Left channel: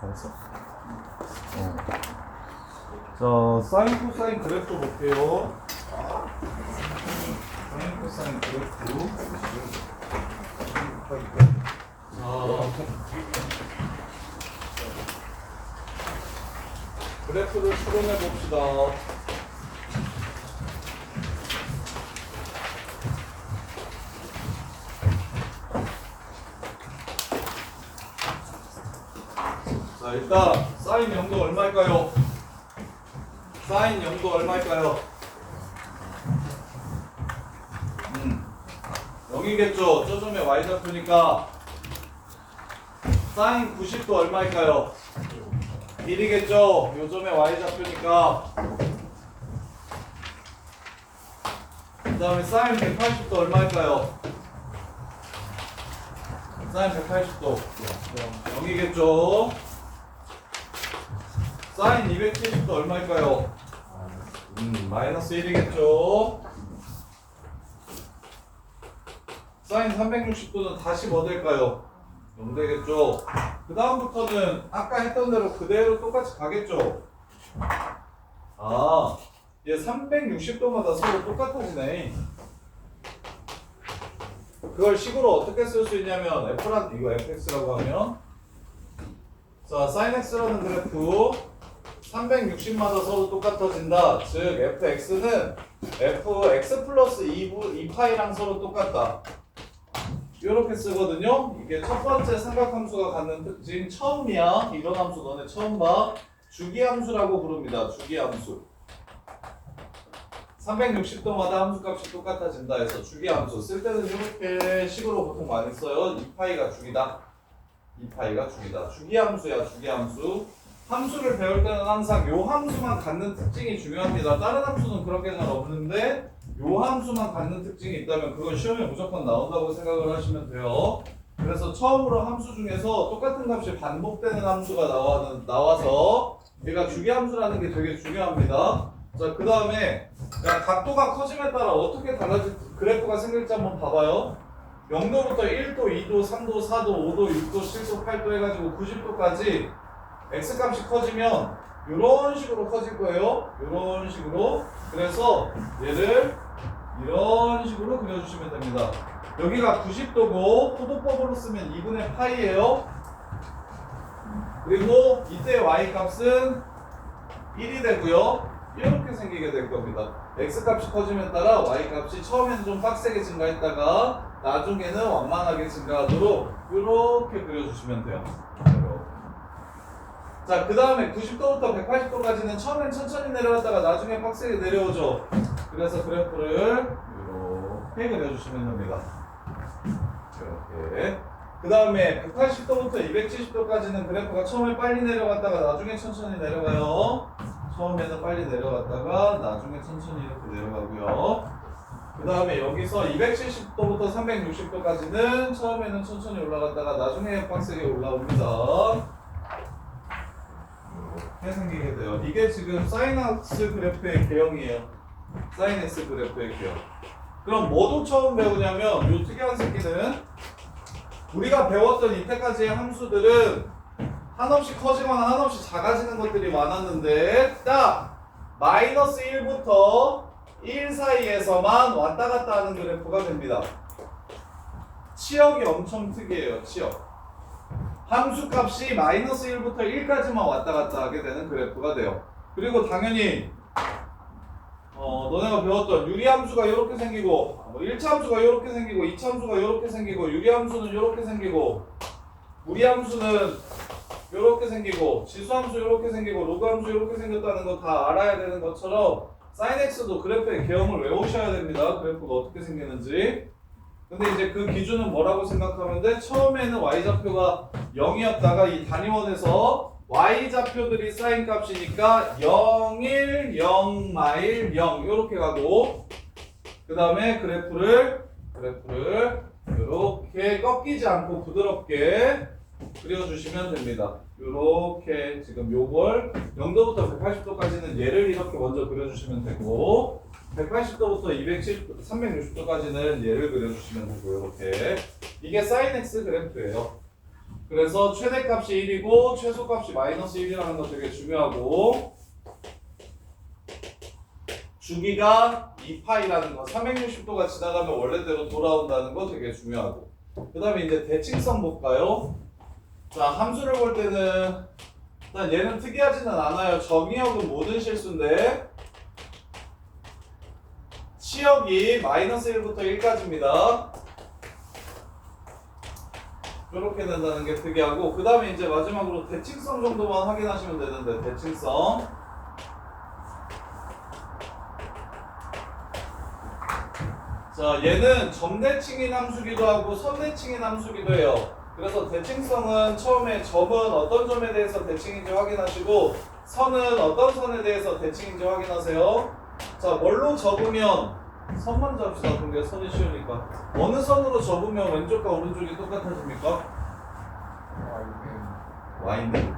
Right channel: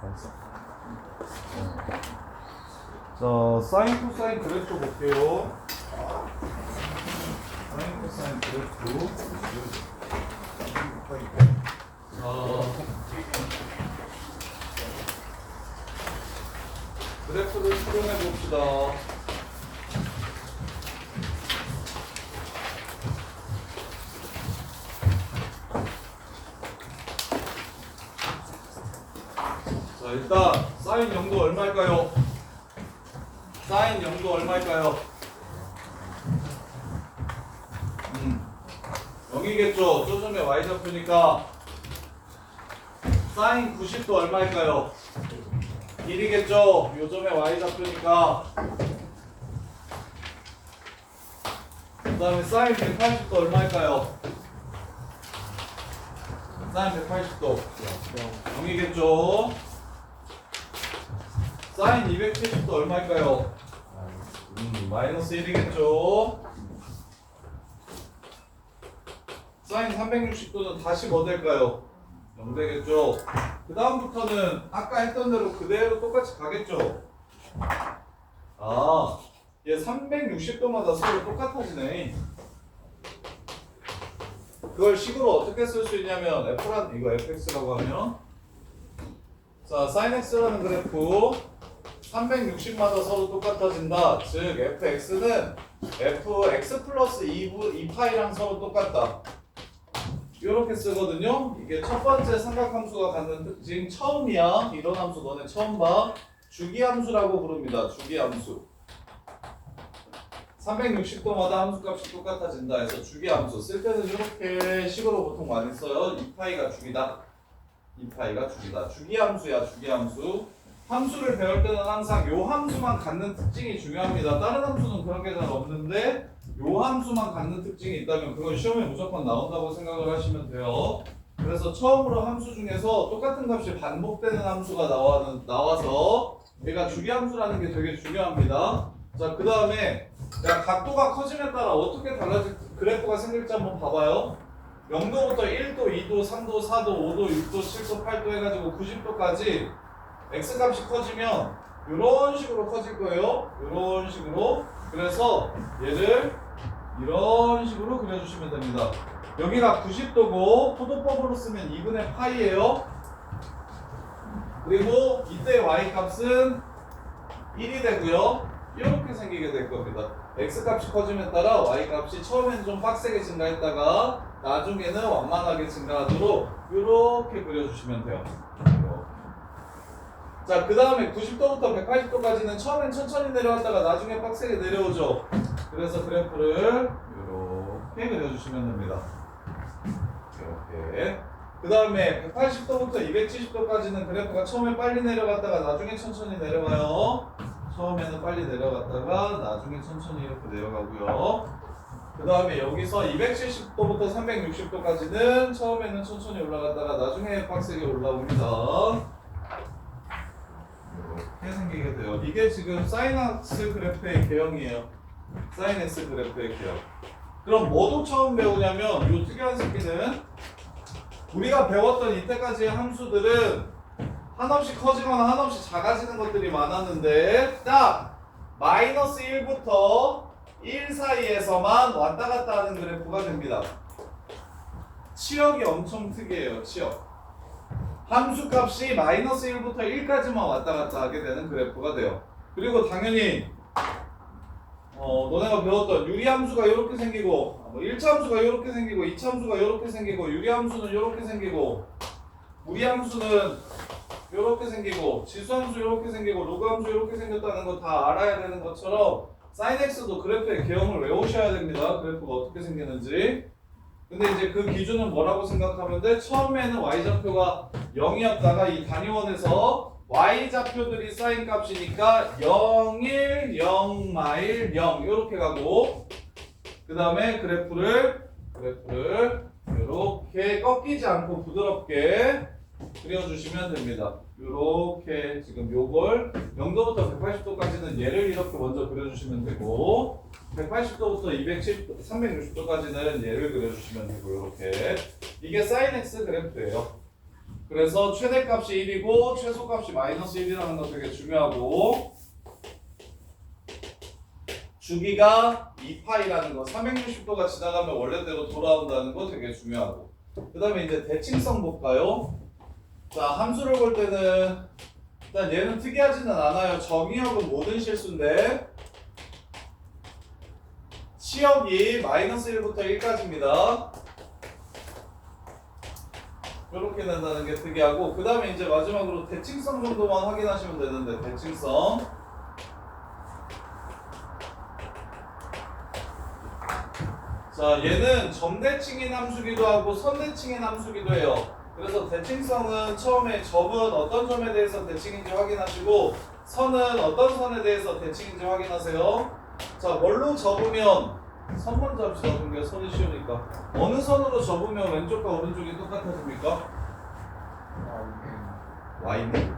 잘했어. 자, 사인 코사인 그래프 볼게요. 사인 코사인 그래프. 그래프를 수련해 봅시다. 자, 일단 사인 0도 얼마일까요? 사인 0도 얼마일까요? 0이겠죠. 저점에 y좌표니까 사인 90도 얼마일까요? 1이겠죠. 요점에 y좌표니까. 그 다음에 사인 180도 얼마일까요? 사인 180도 0이겠죠. 사인 270도 얼마일까요? 마이너스 1이겠죠. 사인 360도는 다시 뭐 될까요? 0 되겠죠. 그 다음부터는 아까 했던 대로 그대로 똑같이 가겠죠. 아, 얘 360도마다 서로 똑같아지네. 그걸 식으로 어떻게 쓸 수 있냐면 F란 이거 fx라고 하면 자, sin x라는 그래프 360마다 서로 똑같아진다. 즉 fx는 fx 플러스 2파이랑 서로 똑같다. 이렇게 쓰거든요. 이게 첫 번째 삼각함수가 갖는 특징 처음이야. 이런 함수 너네 처음 봐. 주기함수라고 부릅니다. 주기함수. 360도마다 함수값이 똑같아진다 해서 주기함수 쓸 때는 이렇게 식으로 보통 많이 써요. 2파이가 주기다. 2파이가 주기다. 주기함수야. 주기함수. 함수를 배울 때는 항상 요 함수만 갖는 특징이 중요합니다. 다른 함수는 그렇게 잘 없는데 요 함수만 갖는 특징이 있다면 그건 시험에 무조건 나온다고 생각을 하시면 돼요. 그래서 처음으로 함수 중에서 똑같은 값이 반복되는 함수가 나와서 얘가 주기함수라는 게 되게 중요합니다. 자, 그 다음에 각도가 커짐에 따라 어떻게 달라질 그래프가 생길지 한번 봐봐요. 0도부터 1도, 2도, 3도, 4도, 5도, 6도, 7도, 8도 해가지고 90도까지 x값이 커지면 이런 식으로 커질 거예요. 이런 식으로. 그래서 얘를 이런 식으로 그려주시면 됩니다. 여기가 90도고 포도법으로 쓰면 2분의 파이예요. 그리고 이때 y값은 1이 되고요. 이렇게 생기게 될 겁니다. x값이 커지면 따라 y값이 처음에는 좀 빡세게 증가했다가 나중에는 완만하게 증가하도록 이렇게 그려주시면 돼요. 자, 그 다음에 90도부터 180도까지는 처음엔 천천히 내려왔다가 나중에 빡세게 내려오죠. 그래서 그래프를 이렇게 그려주시면 됩니다. 이렇게. 그 다음에 180도부터 270도까지는 그래프가 처음에 빨리 내려갔다가 나중에 천천히 내려가요. 처음에는 빨리 내려갔다가 나중에 천천히 이렇게 내려가고요. 그 다음에 여기서 270도부터 360도까지는 처음에는 천천히 올라갔다가 나중에 빡세게 올라옵니다. 이렇게 생기게 돼요. 이게 지금 사인X 그래프의 개형이에요. 사인X 그래프의 개형. 그럼 뭐도 처음 배우냐면 이 특이한 새끼는 우리가 배웠던 이때까지의 함수들은 한없이 커지거나 한없이 작아지는 것들이 많았는데 딱 마이너스 1부터 1 사이에서만 왔다 갔다 하는 그래프가 됩니다. 치역이 엄청 특이해요. 치역. 함수값이 마이너스 1부터 1까지만 왔다 갔다 하게 되는 그래프가 돼요. 그리고 당연히 너네가 배웠던 유리함수가 이렇게 생기고 1차 함수가 이렇게 생기고 2차 함수가 이렇게 생기고 유리함수는 이렇게 생기고 무리함수는 이렇게 생기고 지수함수 이렇게 생기고 로그함수 이렇게 생겼다는 거 다 알아야 되는 것처럼 사인X도 그래프의 개형을 외우셔야 됩니다. 그래프가 어떻게 생기는지. 근데 이제 그 기준은 뭐라고 생각하면 돼? 처음에는 y좌표가 0이었다가 이 단위원에서 y좌표들이 사인 값이니까 0, 1, 0, 마일, 0 이렇게 가고 그 다음에 그래프를 이렇게 꺾이지 않고 부드럽게 그려주시면 됩니다. 이렇게 지금 요걸 0도부터 180도까지는 얘를 이렇게 먼저 그려주시면 되고 180도부터 360도까지는 얘를 그려주시면 되고 이렇게 이게 사인 X 그래프예요. 그래서 최대값이 1이고 최소값이 마이너스 1이라는 거 되게 중요하고 주기가 2파이라는 거 360도가 지나가면 원래대로 돌아온다는 거 되게 중요하고 그 다음에 이제 대칭성 볼까요? 자 함수를 볼 때는 일단 얘는 특이하지는 않아요. 정의역은 모든 실수인데 치역이 마이너스 1부터 1까지입니다. 이렇게 된다는 게 특이하고 그 다음에 이제 마지막으로 대칭성 정도만 확인하시면 되는데 대칭성 자 얘는 점대칭인 함수기도 하고 선대칭인 함수기도 해요. 그래서 대칭성은 처음에 점은 어떤 점에 대해서 대칭인지 확인하시고 선은 어떤 선에 대해서 대칭인지 확인하세요. 자 뭘로 접으면 선 먼저 합시다. 그게 선이 쉬우니까 어느 선으로 접으면 왼쪽과 오른쪽이 똑같아집니까? Y는?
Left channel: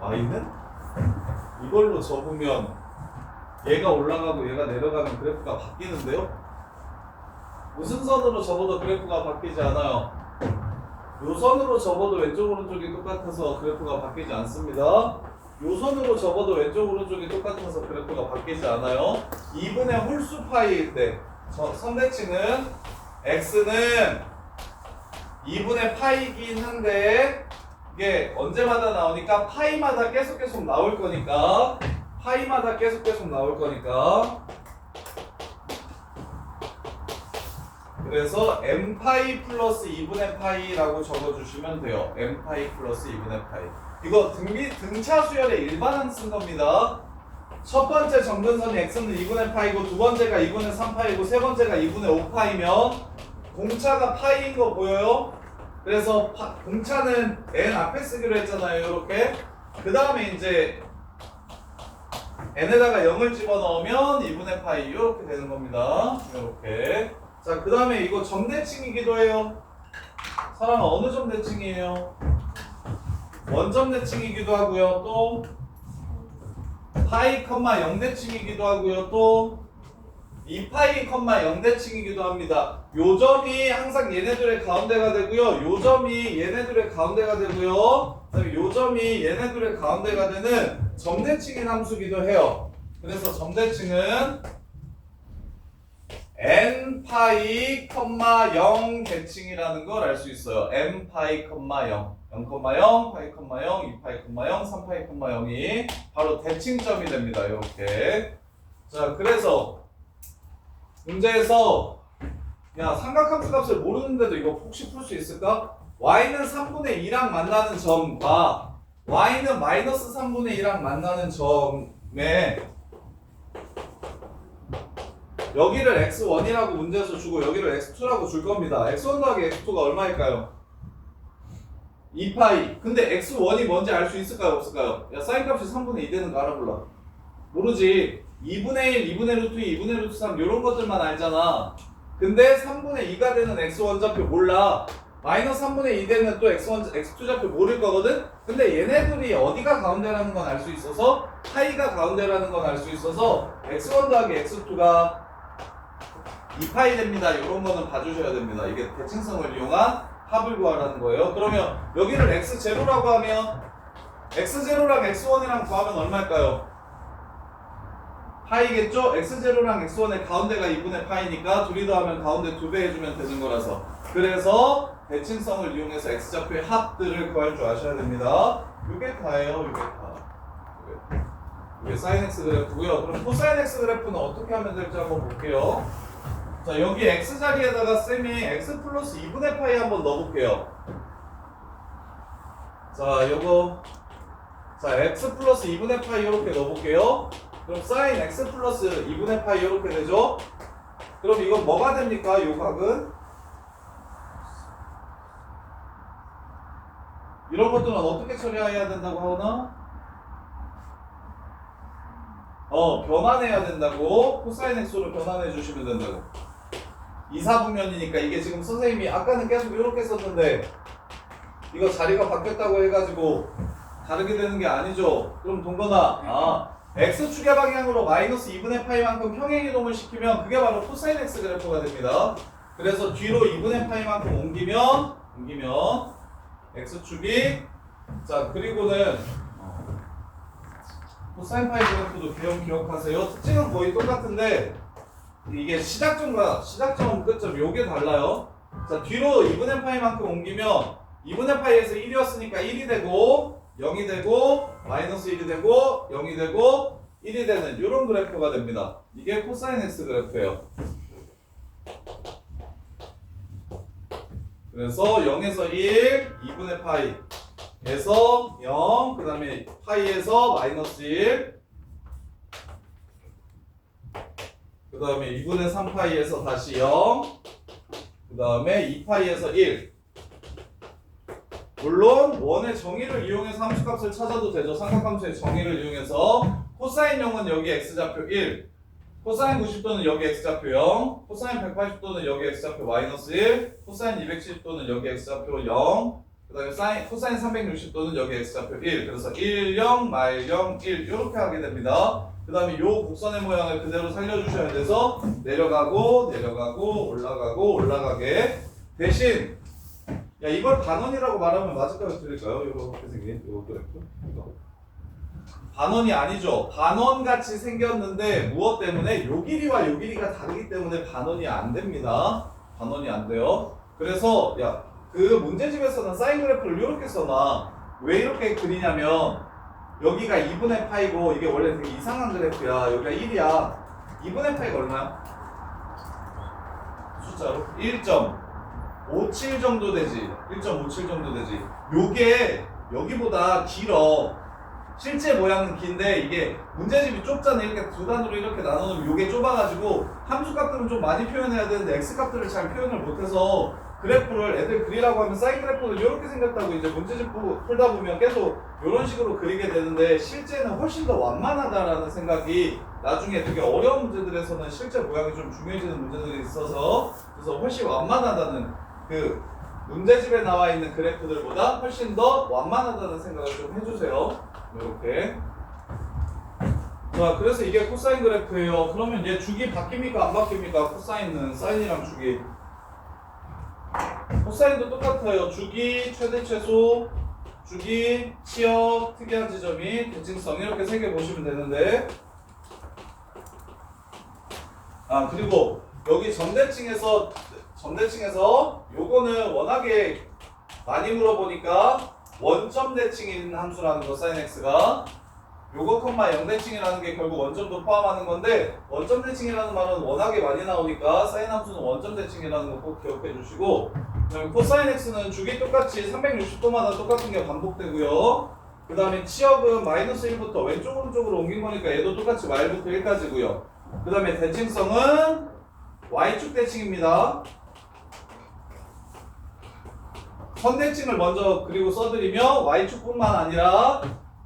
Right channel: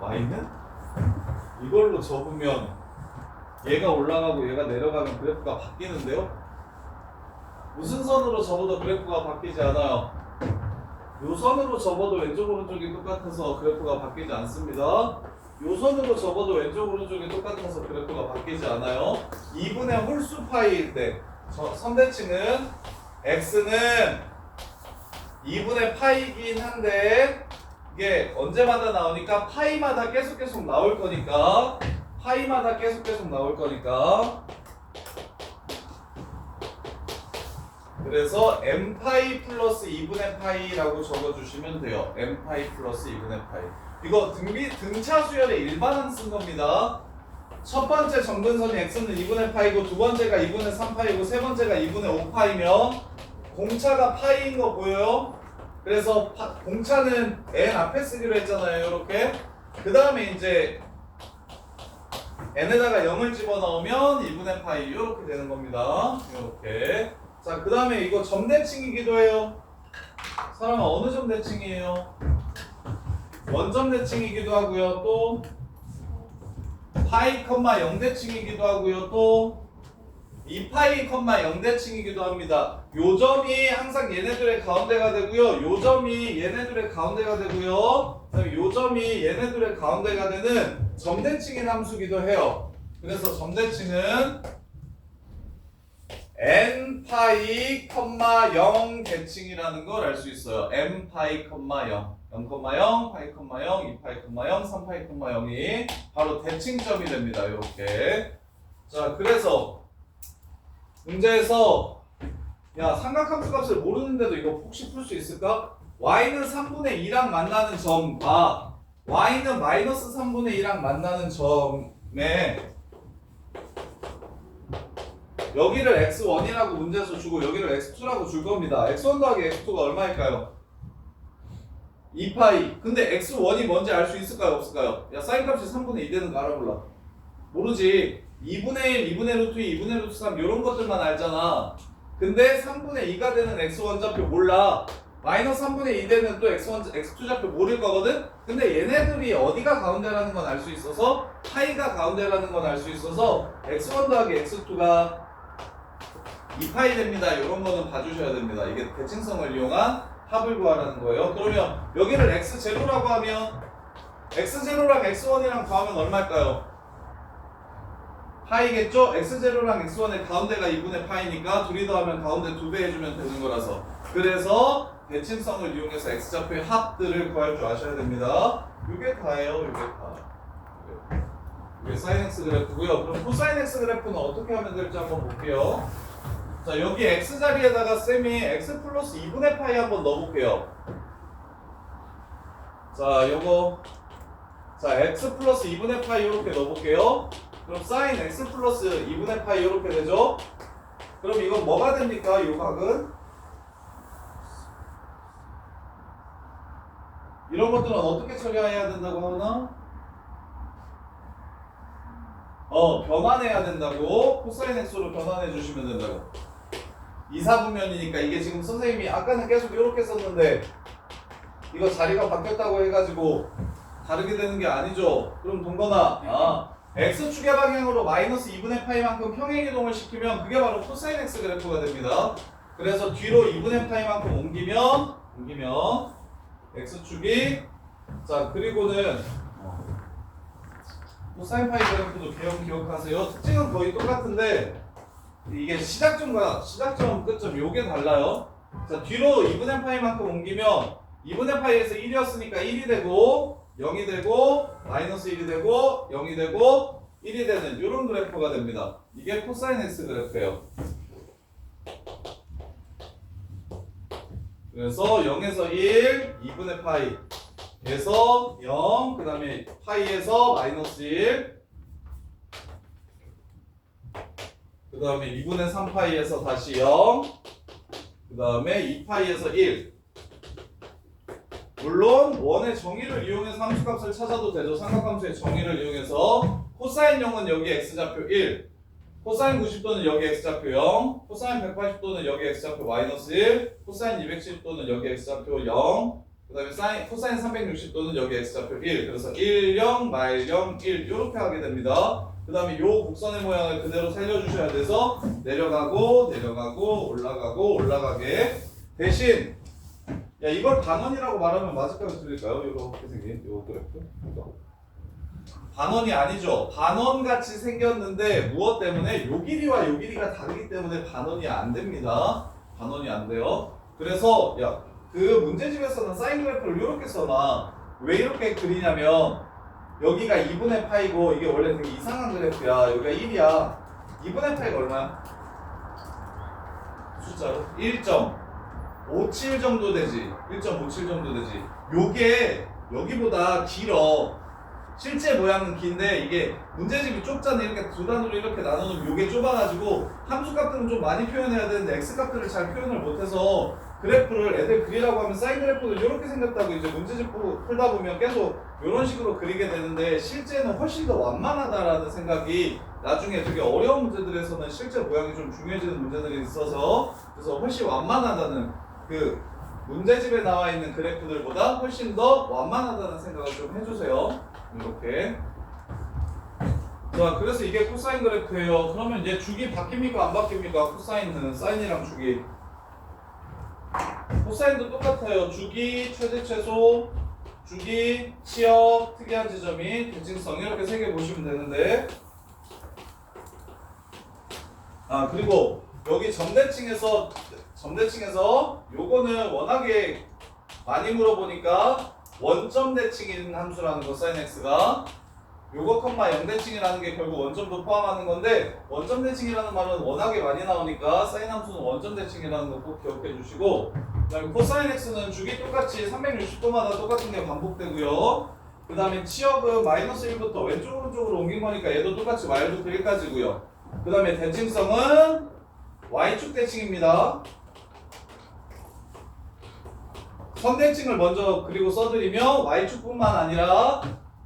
Y는? 이걸로 접으면 얘가 올라가고 얘가 내려가면 그래프가 바뀌는데요? 무슨 선으로 접어도 그래프가 바뀌지 않아요. 요 선으로 접어도 왼쪽 오른쪽이 똑같아서 그래프가 바뀌지 않습니다. 요 선으로 접어도 왼쪽 오른쪽이 똑같아서 그래프가 바뀌지 않아요. 2분의 홀수 파이일 때 선대칭은 x는 2분의 파이긴 한데 이게 언제마다 나오니까 파이마다 계속 나올 거니까 파이마다 계속 나올 거니까 그래서 m파이 플러스 2분의 파이라고 적어주시면 돼요. m파이 플러스 2분의 파이 이거 등차 수열의 일반항 쓴 겁니다. 첫 번째 정근선이 x는 2분의 파이고 두 번째가 2분의 3파이고 세 번째가 2분의 5파이면 공차가 파이인 거 보여요? 그래서 공차는 n 앞에 쓰기로 했잖아요. 이렇게 그 다음에 이제 n에다가 0을 집어넣으면 2분의 파이 이렇게 되는 겁니다. 이렇게 자 그 다음에 이거 점대칭이기도 해요. 사랑아 어느 점대칭이에요? 원점대칭이기도 하고요. 또 파이, 0대칭이기도 하고요. 또 2파이, 0대칭이기도 합니다. 요 점이 항상 얘네들의 가운데가 되고요. 요 점이 얘네들의 가운데가 되고요. 요 점이 얘네들의 가운데가 되는 점대칭인 함수기도 해요. 그래서 점대칭은 n파이, 0 대칭이라는 걸 알 수 있어요. n파이, 0, 0,0, 파이, 0, 2파이, 0, 3파이, 0이 바로 대칭점이 됩니다. 이렇게. 자, 그래서 문제에서 야 삼각함수 값을 모르는데도 이거 혹시 풀 수 있을까? y는 3분의 2랑 만나는 점과 y는 마이너스 3분의 2랑 만나는 점에 여기를 x1이라고 문제에서 주고 여기를 x2라고 줄 겁니다. x1 더하기 x2가 얼마일까요? 2파이. 근데 x1이 뭔지 알 수 있을까요? 없을까요? 야 사인 값이 3분의 2 되는 거 알아볼라. 모르지. 2분의 1, 2분의 루트 2, 2분의 루트 3 이런 것들만 알잖아. 근데 3분의 2가 되는 x1 좌표 몰라. 마이너스 3분의 2 되는 또 x1, x2 좌표 모를 거거든? 근데 얘네들이 어디가 가운데라는 건 알 수 있어서 파이가 가운데라는 건 알 수 있어서 x1 더하기 x2가 2파이 됩니다. 이런 거는 봐주셔야 됩니다. 이게 대칭성을 이용한 합을 구하라는 거예요. 그러면 여기를 x0라고 하면 x0랑 x1이랑 구하면 얼마일까요? 파이겠죠? x0랑 x1의 가운데가 2분의 파이니까 둘이 더하면 가운데 2배 해주면 되는 거라서 그래서 대칭성을 이용해서 x좌표의 합들을 구할 줄 아셔야 됩니다. 이게 다예요. 이게 다. 이게 sin x 그래프고요. 그럼 코사인 x 그래프는 어떻게 하면 될지 한번 볼게요. 자 여기 x 자리에다가 쌤이 x 플러스 2분의 파이 한번 넣어볼게요. 자 요거 자 x 플러스 2분의 파이 이렇게 넣어볼게요. 그럼 sin x 플러스 2분의 파이 이렇게 되죠. 그럼 이건 뭐가 됩니까? 요 각은 이런 것들은 어떻게 처리해야 된다고 하나? 변환해야 된다고. 코사인 x로 변환해 주시면 된다고. 이사분면이니까 이게 지금 선생님이 아까는 계속 이렇게 썼는데 이거 자리가 바뀌었다고 해가지고 다르게 되는 게 아니죠. 그럼 동건아 x축의 방향으로 마이너스 2분의 파이만큼 평행이동을 시키면 그게 바로 코사인 x 그래프가 됩니다. 그래서 뒤로 2분의 파이만큼 옮기면 x축이 자 그리고는 코사인 파이 그래프도 개형 기억하세요. 특징은 거의 똑같은데 이게 시작점 끝점 요게 달라요. 자 뒤로 2분의 파이만큼 옮기면 2분의 파이에서 1이었으니까 1이 되고 0이 되고 마이너스 1이 되고 0이 되고 1이 되는 이런 그래프가 됩니다. 이게 코사인 x 그래프예요. 그래서 0에서 1, 2분의 파이에서 0, 그 다음에 파이에서 마이너스 1, 그 다음에 2분의 3파이에서 다시 0, 그 다음에 2파이에서 1. 물론 원의 정의를 이용해서 함수값을 찾아도 되죠. 삼각함수의 정의를 이용해서 코사인 0은 여기 x좌표 1, 코사인 90도는 여기 x좌표 0, 코사인 180도는 여기 x좌표 마이너스 1, 코사인 270도는 여기 x좌표 0, 그 다음에 코사인 360도는 여기 x좌표 1. 그래서 1, 0, 말 0, 1 이렇게 하게 됩니다. 그 다음에 요 곡선의 모양을 그대로 살려주셔야 돼서 내려가고 내려가고 올라가고 올라가게. 대신 야 이걸 반원이라고 말하면 맞을까요? 틀릴까요? 이렇게 생긴 요 그래프 이거 반원이 아니죠. 반원같이 생겼는데 무엇 때문에 요 길이와 요 길이가 다르기 때문에 반원이 안 됩니다. 반원이 안 돼요. 그래서 야 그 문제집에서는 사인 그래프를 이렇게 써놔. 왜 이렇게 그리냐면 여기가 2분의 파이고 이게 원래 되게 이상한 그래프야. 여기가 1이야. 2분의 파이가 얼마야? 숫자로 1.57 정도 되지. 1.57 정도 되지. 요게 여기보다 길어. 실제 모양은 긴데 이게 문제집이 좁잖아. 이렇게 두 단으로 이렇게 나누면 요게 좁아가지고 함수값들은 좀 많이 표현해야 되는데 x값들을 잘 표현을 못해서 그래프를 애들 그리라고 하면 사인 그래프도 이렇게 생겼다고 이제 문제집 풀다 보면 계속 이런 식으로 그리게 되는데 실제는 훨씬 더 완만하다라는 생각이 나중에 되게 어려운 문제들에서는 실제 모양이 좀 중요해지는 문제들이 있어서 그래서 훨씬 완만하다는 그 문제집에 나와 있는 그래프들보다 훨씬 더 완만하다는 생각을 좀 해주세요. 이렇게. 자, 그래서 이게 코사인 그래프예요. 그러면 이제 주기 바뀝니까? 안 바뀝니까? 코사인은 사인이랑 주기. 코사인도 똑같아요. 주기, 최대 최소, 주기, 치역, 특이한 지점이, 대칭성 이렇게 세 개 보시면 되는데 아 그리고 여기 점대칭에서 요거는 워낙에 많이 물어보니까 원점 대칭인 함수라는 거 사인 x가 요거 컴마 0대칭이라는 게 결국 원점도 포함하는 건데 원점 대칭이라는 말은 워낙에 많이 나오니까 사인 함수는 원점 대칭이라는 거 꼭 기억해 주시고 그다음에 코사인 x는 주기 똑같이 360도마다 똑같은 게 반복되고요. 그 다음에 치역은 마이너스 1부터 왼쪽 오른쪽으로 옮긴 거니까 얘도 똑같이 y부터 1까지고요. 그 다음에 대칭성은 y축 대칭입니다. 선대칭을 먼저 그리고 써드리면 y축뿐만 아니라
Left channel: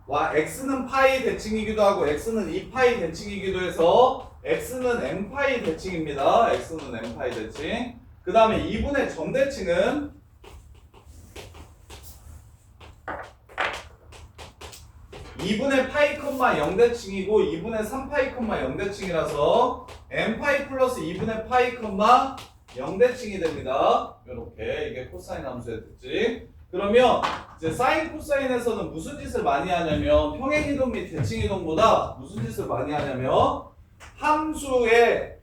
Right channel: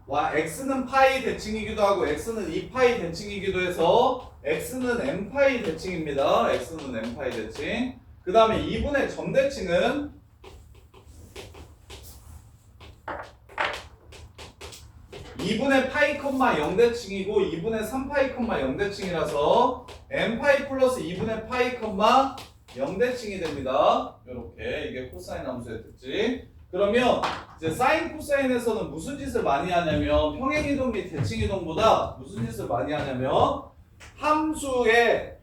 x는 파이 대칭이기도 하고 x는 2파이 대칭이기도 해서 x는 n파이 대칭입니다. x는 n파이 대칭. 그 다음에 2분의 점대칭은 (2분의 파이, 0대칭이고 2분의 3파이, 0대칭이라서 n파이 플러스 2분의 파이, 0대칭이 됩니다. 이렇게 이게 코사인 함수의 특징. 그러면 이제 사인 코사인에서는 무슨 짓을 많이 하냐면 평행이동 및 대칭이동보다 무슨 짓을 많이 하냐면 함수의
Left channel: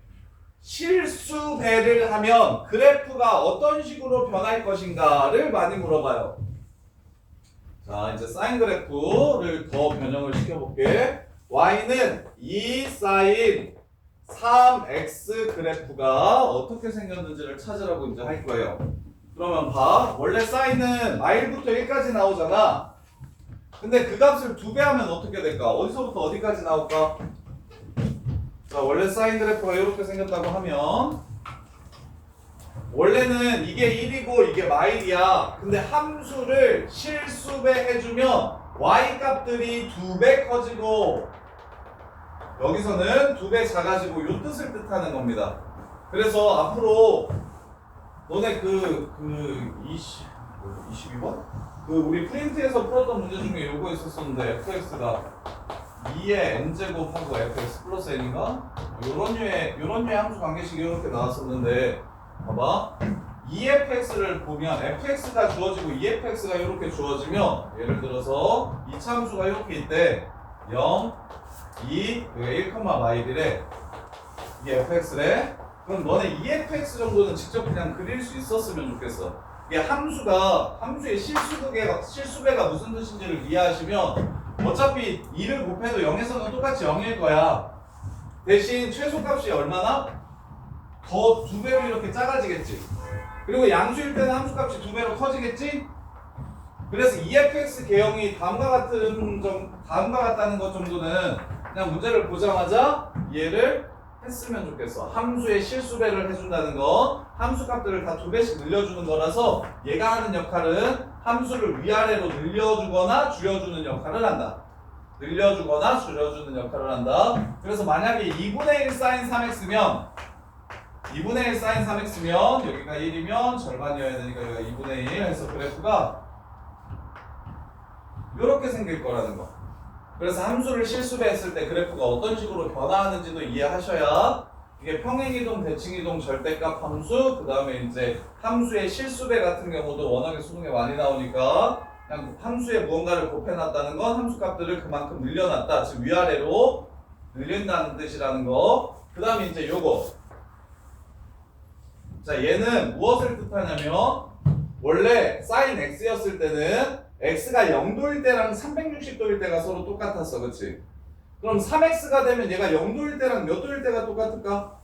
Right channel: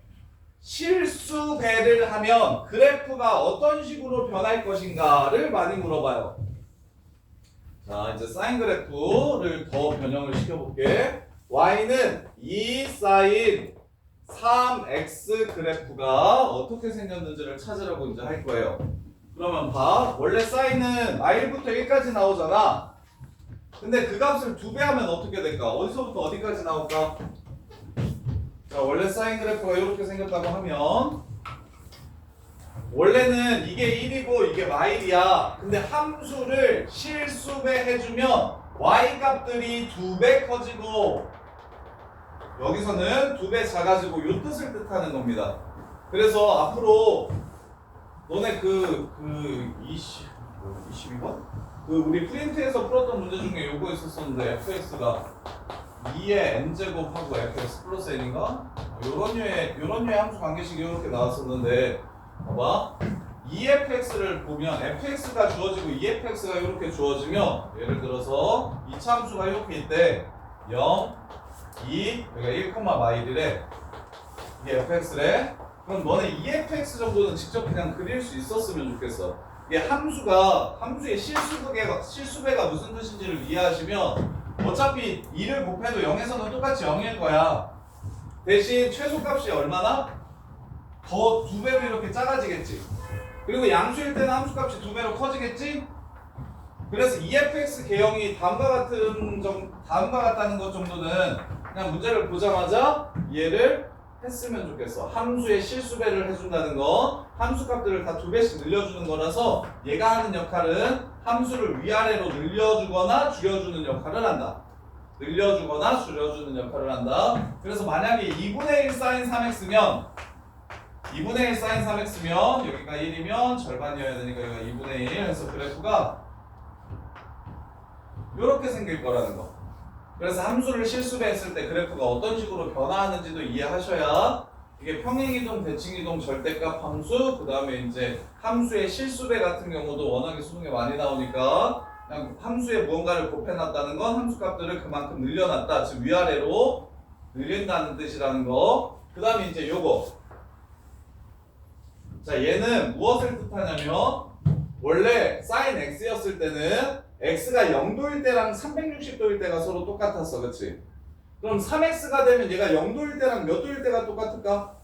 실수배를 하면 그래프가 어떤 식으로 변할 것인가를 많이 물어봐요. 자 이제 사인 그래프를 더 변형을 시켜볼게. y는 2 사인 3x 그래프가 어떻게 생겼는지를 찾으라고 이제 할 거예요. 그러면 봐. 원래 사인은 마일부터 1까지 나오잖아. 근데 그 값을 2배 하면 어떻게 될까? 어디서부터 어디까지 나올까? 자, 원래 사인 그래프가 이렇게 생겼다고 하면 원래는 이게 1이고 이게 마일이야. 근데 함수를 실수배 해주면 y 값들이 2배 커지고 여기서는 2배 작아지고 이 뜻을 뜻하는 겁니다. 그래서 앞으로 너네 22번? 그 우리 프린트에서 풀었던 문제 중에 요거 있었었는데 fx가 2의 n제곱하고 fx 플러스 n인가? 요런 류의 함수 관계식이 이렇게 나왔었는데 봐봐. EFX를 보면 fx가 주어지고 EFX가 이렇게 주어지면 예를 들어서 이차 함수가 이렇게 있대. 0, 2, 여기가 1, 마일이래. 이게 fx래. 그럼 너네 EFX 정도는 직접 그냥 그릴 수 있었으면 좋겠어. 이게 함수의 실수배가 무슨 뜻인지를 이해하시면 어차피 2를 곱해도 0에서는 똑같이 0일 거야. 대신 최소값이 얼마나? 더 2배로 이렇게 작아지겠지. 그리고 양수일 때는 함수값이 2배로 커지겠지? 그래서 EFX 개형이 다음과 같다는 것 정도는 그냥 문제를 보자마자 이해를 했으면 좋겠어. 함수의 실수배를 해준다는 거, 함수값들을 다 2배씩 늘려주는 거라서 얘가 하는 역할은 함수를 위아래로 늘려주거나 줄여주는 역할을 한다. 늘려주거나 줄여주는 역할을 한다. 그래서 만약에 2분의 1 sin 3x면 2분의 1 sin 3x면 여기가 1이면 절반이어야 되니까 여기가 2분의 1 해서 그래프가 이렇게 생길 거라는 거. 그래서 함수를 실수배했을 때 그래프가 어떤 식으로 변화하는지도 이해하셔야 이게 평행이동, 대칭이동, 절대값 함수, 그 다음에 이제 함수의 실수배 같은 경우도 워낙에 수능에 많이 나오니까 그냥 함수에 무언가를 곱해놨다는 건 함수값들을 그만큼 늘려놨다. 즉 위아래로 늘린다는 뜻이라는 거. 그 다음에 이제 요거. 자, 얘는 무엇을 뜻하냐면 원래 sin x였을 때는 x가 0도일 때랑 360도일 때가 서로 똑같았어. 그치? 그럼 3x가 되면 얘가 0도일 때랑 몇 도일 때가 똑같을까?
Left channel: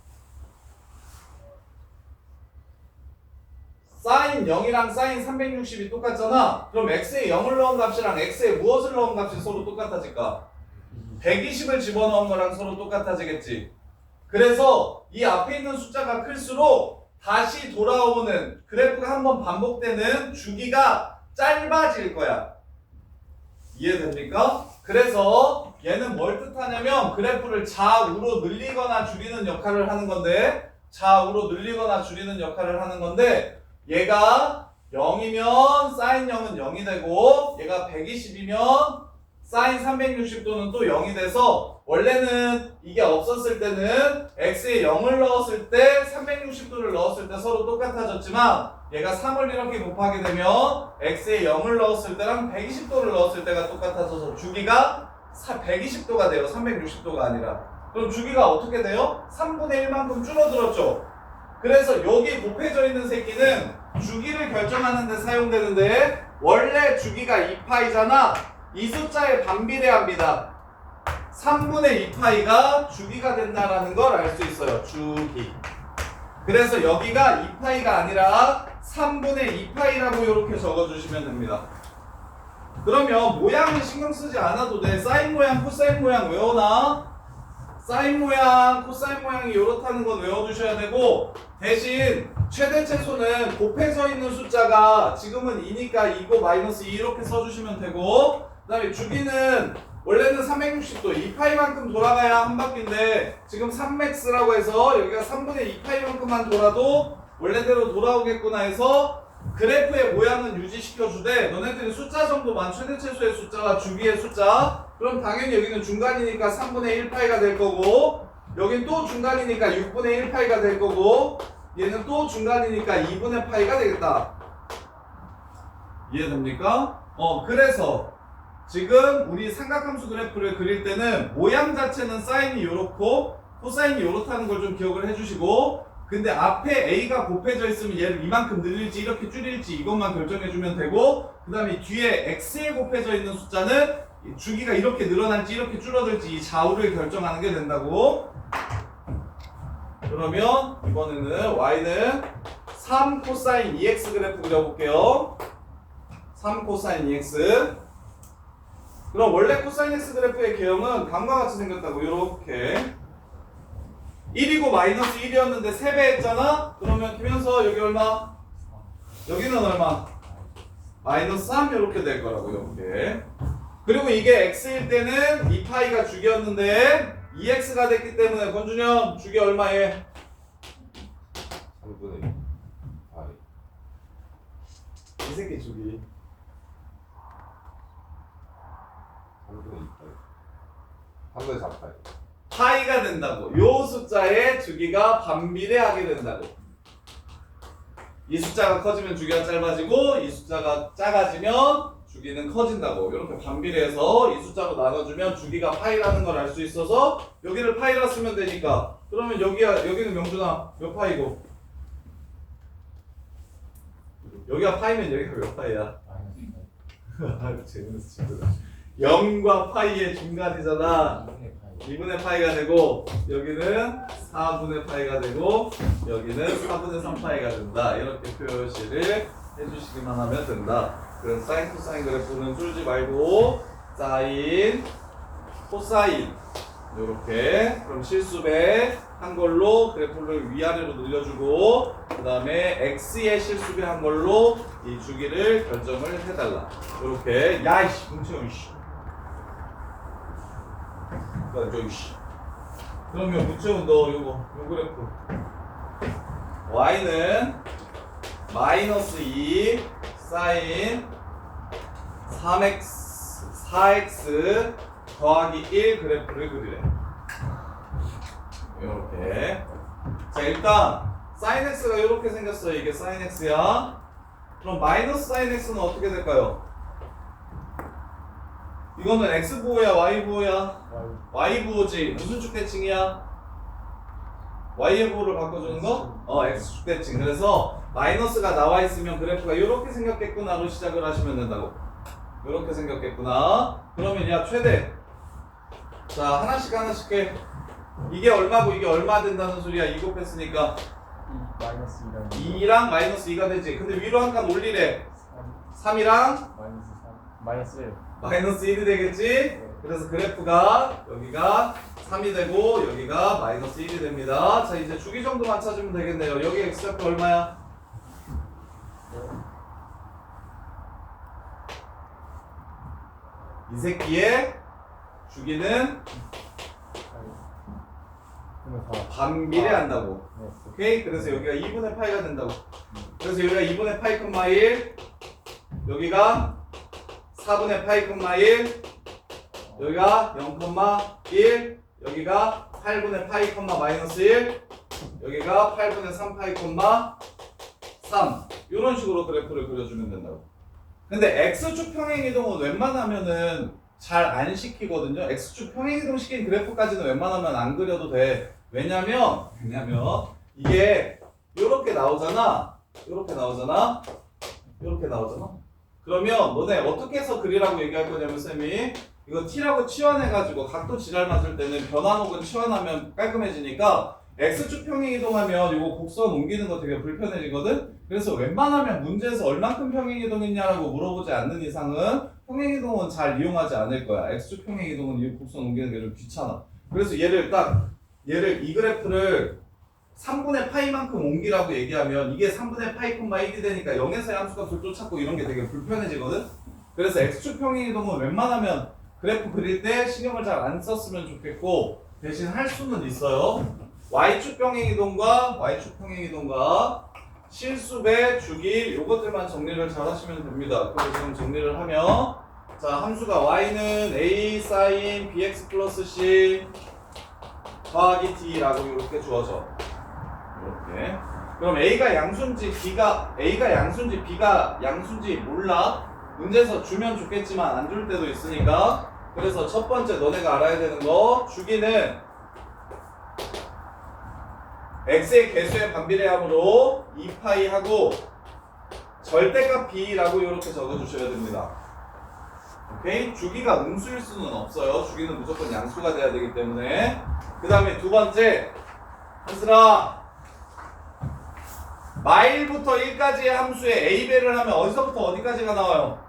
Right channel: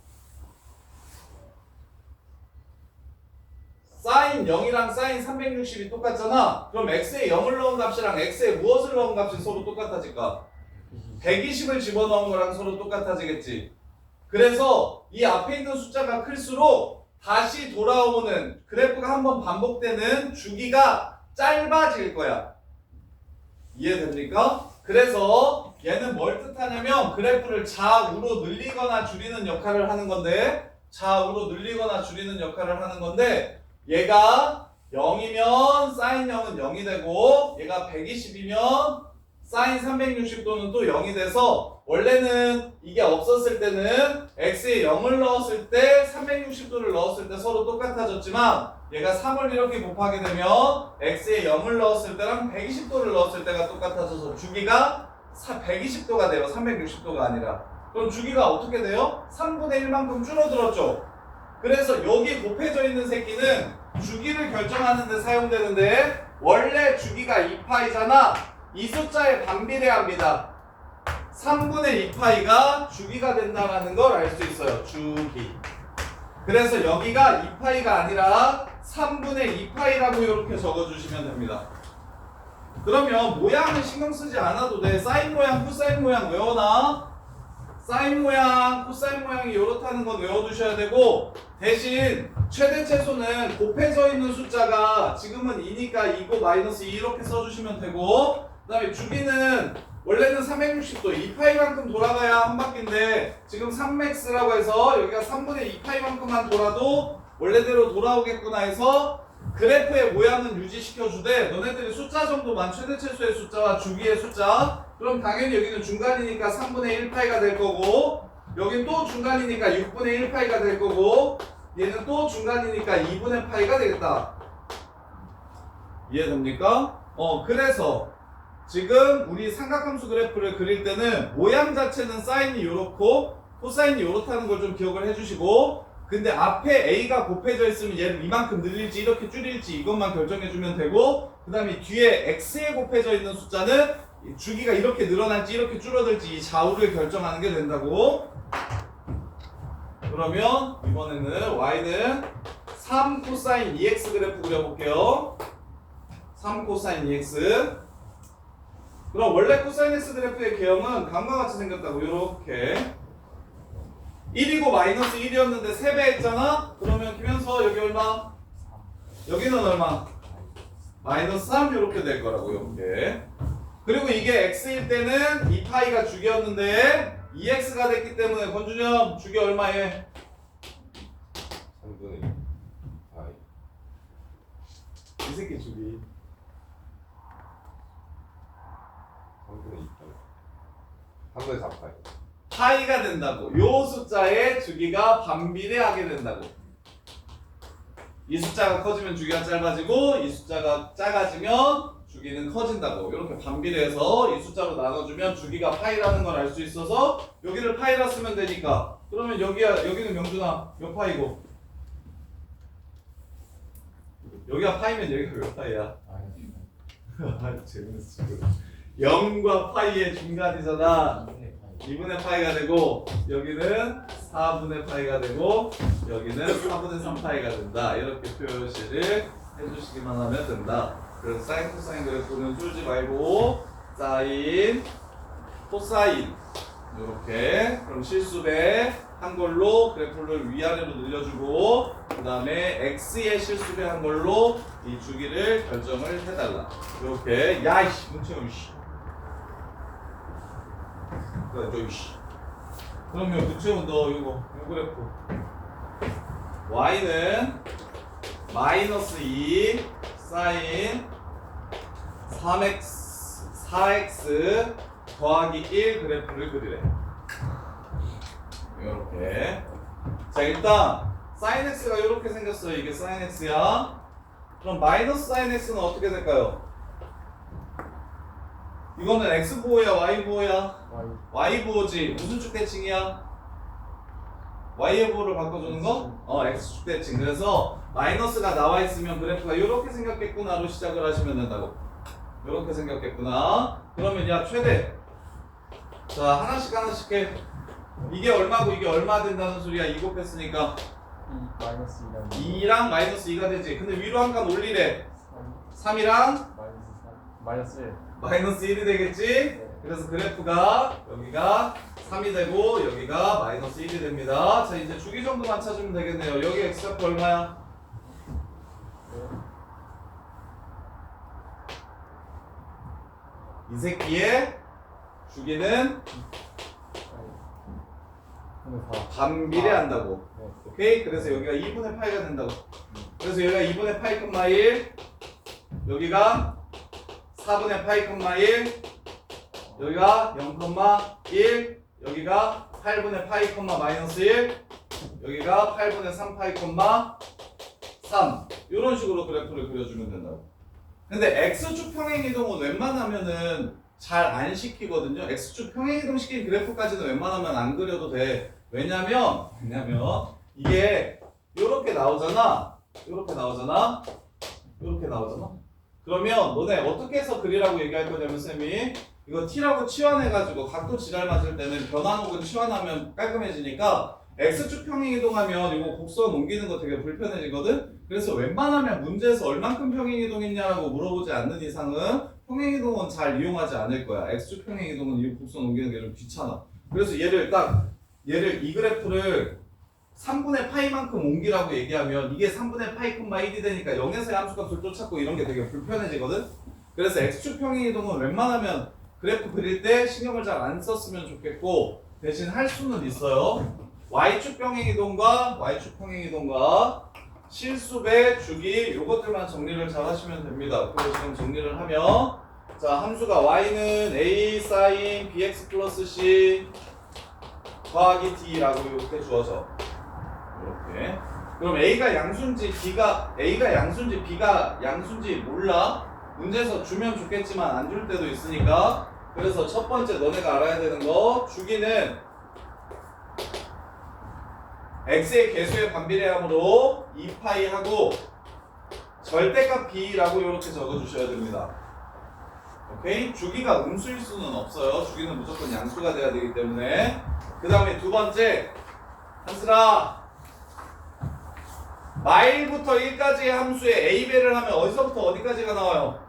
sin 0이랑 sin 360이 똑같잖아. 그럼 x에 0을 넣은 값이랑 x에 무엇을 넣은 값이 서로 똑같아질까? 120을 집어넣은 거랑 서로 똑같아지겠지. 그래서 이 앞에 있는 숫자가 클수록 다시 돌아오는 그래프가 한번 반복되는 주기가 짧아질 거야. 이해됩니까? 그래서 얘는 뭘 뜻하냐면 그래프를 좌우로 늘리거나 줄이는 역할을 하는 건데 좌우로 늘리거나 줄이는 역할을 하는 건데 얘가 0이면 sin 0은 0이 되고 얘가 120이면 sin 360도는 또 0이 돼서 원래는 이게 없었을 때는 x에 0을 넣었을 때 360도를 넣었을 때 서로 똑같아졌지만 얘가 3을 이렇게 곱하게 되면 x에 0을 넣었을 때랑 120도를 넣었을 때가 똑같아져서 주기가 120도가 돼요. 360도가 아니라. 그럼 주기가 어떻게 돼요? 3분의 1만큼 줄어들었죠. 그래서 여기 곱해져 있는 새끼는 주기를 결정하는 데 사용되는데 원래 주기가 2파이잖아. 이 숫자에 반비례합니다. 3분의 2파이가 주기가 된다는 걸 알 수 있어요. 주기. 그래서 여기가 2파이가 아니라 3분의 2파이라고 이렇게 적어주시면 됩니다. 그러면 모양은 신경 쓰지 않아도 돼. 사인 모양, 코사인 모양 외워놔. 사인 모양, 코사인 모양이 이렇다는 건 외워두셔야 되고 대신 최대 최소는 곱해져 있는 숫자가 지금은 2니까 2고 마이너스 2 이렇게 써주시면 되고 그 다음에 주기는 원래는 360도 2파이만큼 돌아가야 한 바퀴인데 지금 3max라고 해서 여기가 3분의 2파이만큼만 돌아도 원래대로 돌아오겠구나 해서 그래프의 모양은 유지시켜주되 너네들이 숫자 정도만 최대 최소의 숫자와 주기의 숫자 그럼 당연히 여기는 중간이니까 3분의 1파이가 될 거고 여긴 또 중간이니까 6분의 1파이가 될 거고 얘는 또 중간이니까 2분의 파이가 되겠다. 이해됩니까? 그래서 지금 우리 삼각함수 그래프를 그릴 때는 모양 자체는 사인이 요렇고 코사인이 요렇다는 걸 좀 기억을 해주시고 근데 앞에 A가 곱해져 있으면 얘를 이만큼 늘릴지 이렇게 줄일지 이것만 결정해주면 되고 그 다음에 뒤에 X에 곱해져 있는 숫자는 주기가 이렇게 늘어날지 이렇게 줄어들지 이 좌우를 결정하는 게 된다고. 그러면 이번에는 Y는 3 코사인 2X 그래프 그려볼게요. 3 코사인 2X. 그럼 원래 코사인 X 그래프의 개형은 다음과 같이 생겼다고. 요렇게 1이고 마이너스 1이었는데 3배 했잖아? 그러면 김현서 여기 얼마? 여기는 얼마? 마이너스 3 이렇게 될 거라고. 이렇게. 그리고 이게 x일 때는 2파이가 주기였는데 2x가 됐기 때문에 권준영 주기 얼마에? 3분의 2파이. 이 새끼 주기 3분의 2파이. 3분의 4파이. 파이가 된다고. 요 숫자의 주기가 반비례하게 된다고. 이 숫자가 커지면 주기가 짧아지고 이 숫자가 작아지면 주기는 커진다고. 이렇게 반비례해서 이 숫자로 나눠주면 주기가 파이라는 걸 알 수 있어서 여기를 파이라 쓰면 되니까. 그러면 여기는 명준아 몇 파이고 여기가 파이면 여기가 몇 파이야? 재밌는 친구다. 0과 파이의 중간이잖아. 2분의 파이가 되고 여기는 4분의 파이가 되고 여기는 4분의 3파이가 된다. 이렇게 표시를 해주시기만 하면 된다. 그럼 사인 코사인 그래프는 쫄지 말고 사인 코사인 이렇게 그럼 실수배 한 걸로 그래프를 위아래로 늘려주고 그 다음에 x의 실수배 한 걸로 이 주기를 결정을 해달라. 이렇게 야이씨 문채영 씨 야, 저기 씨. 그러면 문채원 너 요 그래프 y는 마이너스 2 사인 3x 4x 더하기 1 그래프를 그리래. 이렇게. 자 일단 사인 x가 이렇게 생겼어요. 이게 사인 x야. 그럼 마이너스 사인 x는 어떻게 될까요? 이거는 x 부호야 y 부호야? y 부호지. 무슨 축대칭이야? y의 부호를 바꿔주는 거? x 축대칭. 그래서 마이너스가 나와 있으면 그래프가 이렇게 생겼겠구나로 시작을 하시면 된다고. 이렇게 생겼겠구나. 그러면 야 최대. 자 하나씩 해. 이게 얼마고 이게 얼마 된다는 소리야. 2 곱했으니까 마이너스 2랑 2랑 마이너스 2가 되지. 근데 위로 한 칸 올리래. 3이랑 마이너스 1. 마이너스 1이 되겠지? 그래서 그래프가 여기가 3이 되고 여기가 마이너스 1이 됩니다. 자 이제 주기 정도만 찾으면 되겠네요. 여기 x좌표 얼마야? 이 새끼의 주기는 반비례한다고. 오케이? 그래서 여기가 2분의 파이가 된다고. 그래서 여기가 2분의 파이 콤마 1 여기가 4분의 파이 콤마 1 여기가 0,1 여기가 8분의 파이 콤마 마이너스 1 여기가 8분의 3 파이 콤마 3 이런 식으로 그래프를 그려주면 된다고. 근데 x축 평행이동은 웬만하면은 잘 안 시키거든요. x축 평행이동 시킨 그래프까지는 웬만하면 안 그려도 돼. 왜냐면 이게 요렇게 나오잖아. 요렇게 나오잖아. 그러면 너네 어떻게 해서 그리라고 얘기할 거냐면 쌤이 이거 t라고 치환해가지고 각도 지랄 맞을 때는 변환 혹은 치환하면 깔끔해지니까 x축 평행이동하면 이거 곡선 옮기는 거 되게 불편해지거든. 그래서 웬만하면 문제에서 얼만큼 평행이동했냐라고 물어보지 않는 이상은 평행이동은 잘 이용하지 않을 거야. x축 평행이동은 이 곡선 옮기는 게 좀 귀찮아. 그래서 얘를 이 그래프를 3분의 파이만큼 옮기라고 얘기하면 이게 3분의 파이 콤마 1이 되니까 0에서의 함수값을 쫓았고 이런 게 되게 불편해지거든. 그래서 x축 평행이동은 웬만하면 그래프 그릴 때 신경을 잘 안 썼으면 좋겠고 대신 할 수는 있어요. y축 평행이동과 실수배 주기 요것들만 정리를 잘 하시면 됩니다. 그리고 지금 정리를 하면 자 함수가 y는 a 사인 bx 플러스 c 더하기 d라고 이렇게 주어져. 이렇게. 그럼 a가 양수인지 b가 양수인지 몰라. 문제에서 주면 좋겠지만 안 줄 때도 있으니까. 그래서 첫 번째 너네가 알아야 되는 거 주기는 x의 개수의 반비례함으로 2파이 하고 절대값 b라고 이렇게 적어주셔야 됩니다. 오케이? 주기가 음수일 수는 없어요. 주기는 무조건 양수가 돼야 되기 때문에. 그 다음에 두 번째 한슬아 마일부터 1까지의 함수에 a배를 하면 어디서부터 어디까지가 나와요?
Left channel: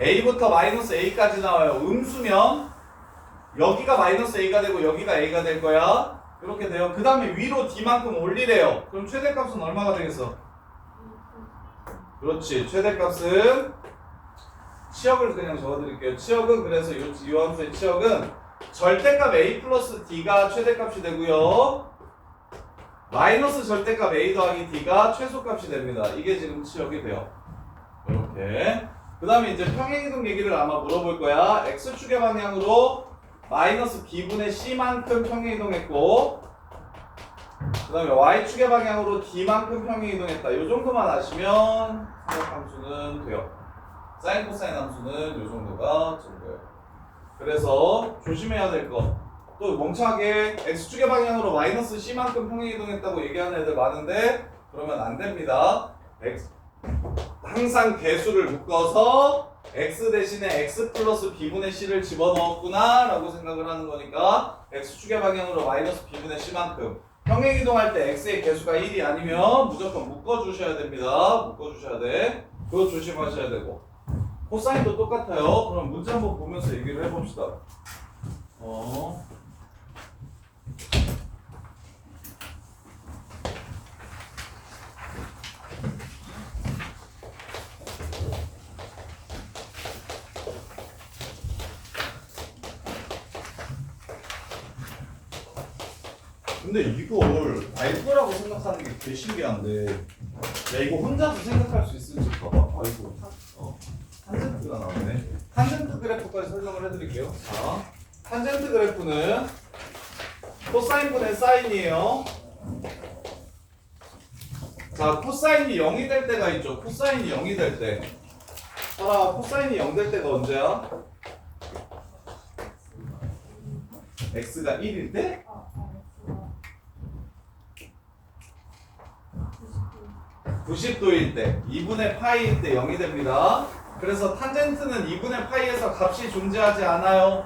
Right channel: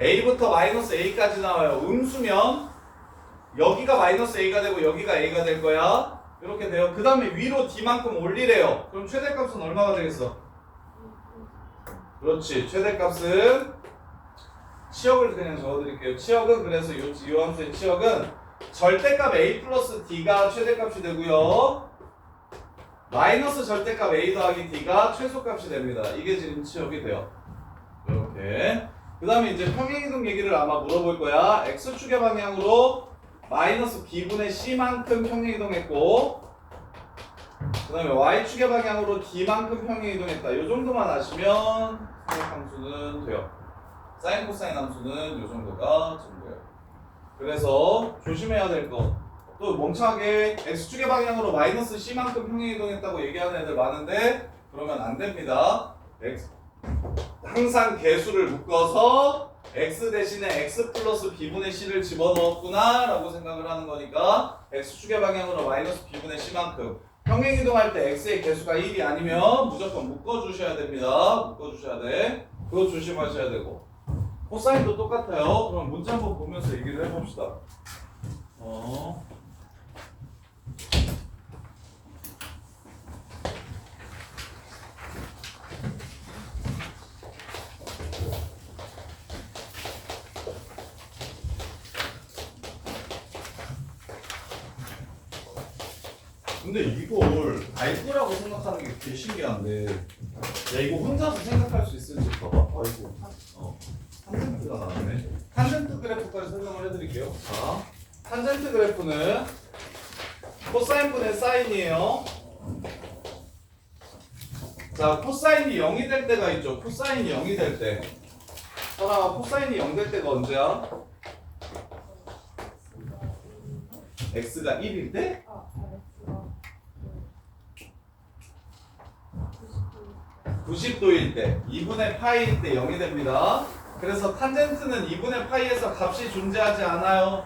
a부터 마이너스 a까지 나와요. 음수면 여기가 마이너스 a가 되고 여기가 a가 될 거야. 이렇게 돼요. 그 다음에 위로 d만큼 올리래요. 그럼 최대값은 얼마가 되겠어? 그렇지. 최대값은 치역을 그냥 적어드릴게요. 치역은 그래서 이 함수의 치역은 절대값 a 플러스 d가 최대값이 되고요. 마이너스 절대값 a 더하기 d가 최소값이 됩니다. 이게 지금 치역이 돼요. 이렇게. 그 다음에 이제 평행이동 얘기를 아마 물어볼 거야. x축의 방향으로 마이너스 b분의 c만큼 평행이동했고 그 다음에 y축의 방향으로 d만큼 평행 이동했다. 이 정도만 아시면 삼각함수는 돼요. 사인 코사인 함수는 이 정도가 좀 돼요. 그래서 조심해야 될 거. 또 멍청하게 x축의 방향으로 마이너스 c만큼 평행 이동했다고 얘기하는 애들 많은데 그러면 안 됩니다. 항상 개수를 묶어서 x 대신에 x 플러스 b분의 c를 집어넣었구나 라고 생각을 하는 거니까 x축의 방향으로 마이너스 b분의 c만큼 평행 이동할 때 x의 개수가 1이 아니면 무조건 묶어주셔야 됩니다. 묶어주셔야 돼. 그거 조심하셔야 되고 코사인도 똑같아요. 그럼 문제 한번 보면서 얘기를 해봅시다. 근데 이걸 알 거라고 생각하는 게 되게 신기한데 야 이거 혼자서 생각할 수 있을지 봐봐. 아이고 탄젠트가 나왔네. 탄젠트 그래프까지 설명을 해드릴게요. 자, 탄젠트 그래프는 코사인분의 사인이에요. 자, 코사인이 0이 될 때가 있죠. 코사인이 0이 될 때. 설아, 코사인이 0 될 때가 언제야? x가 1일 때? 90도일 때, 2분의 파이일 때 0이 됩니다. 그래서 탄젠트는 2분의 파이에서 값이 존재하지 않아요.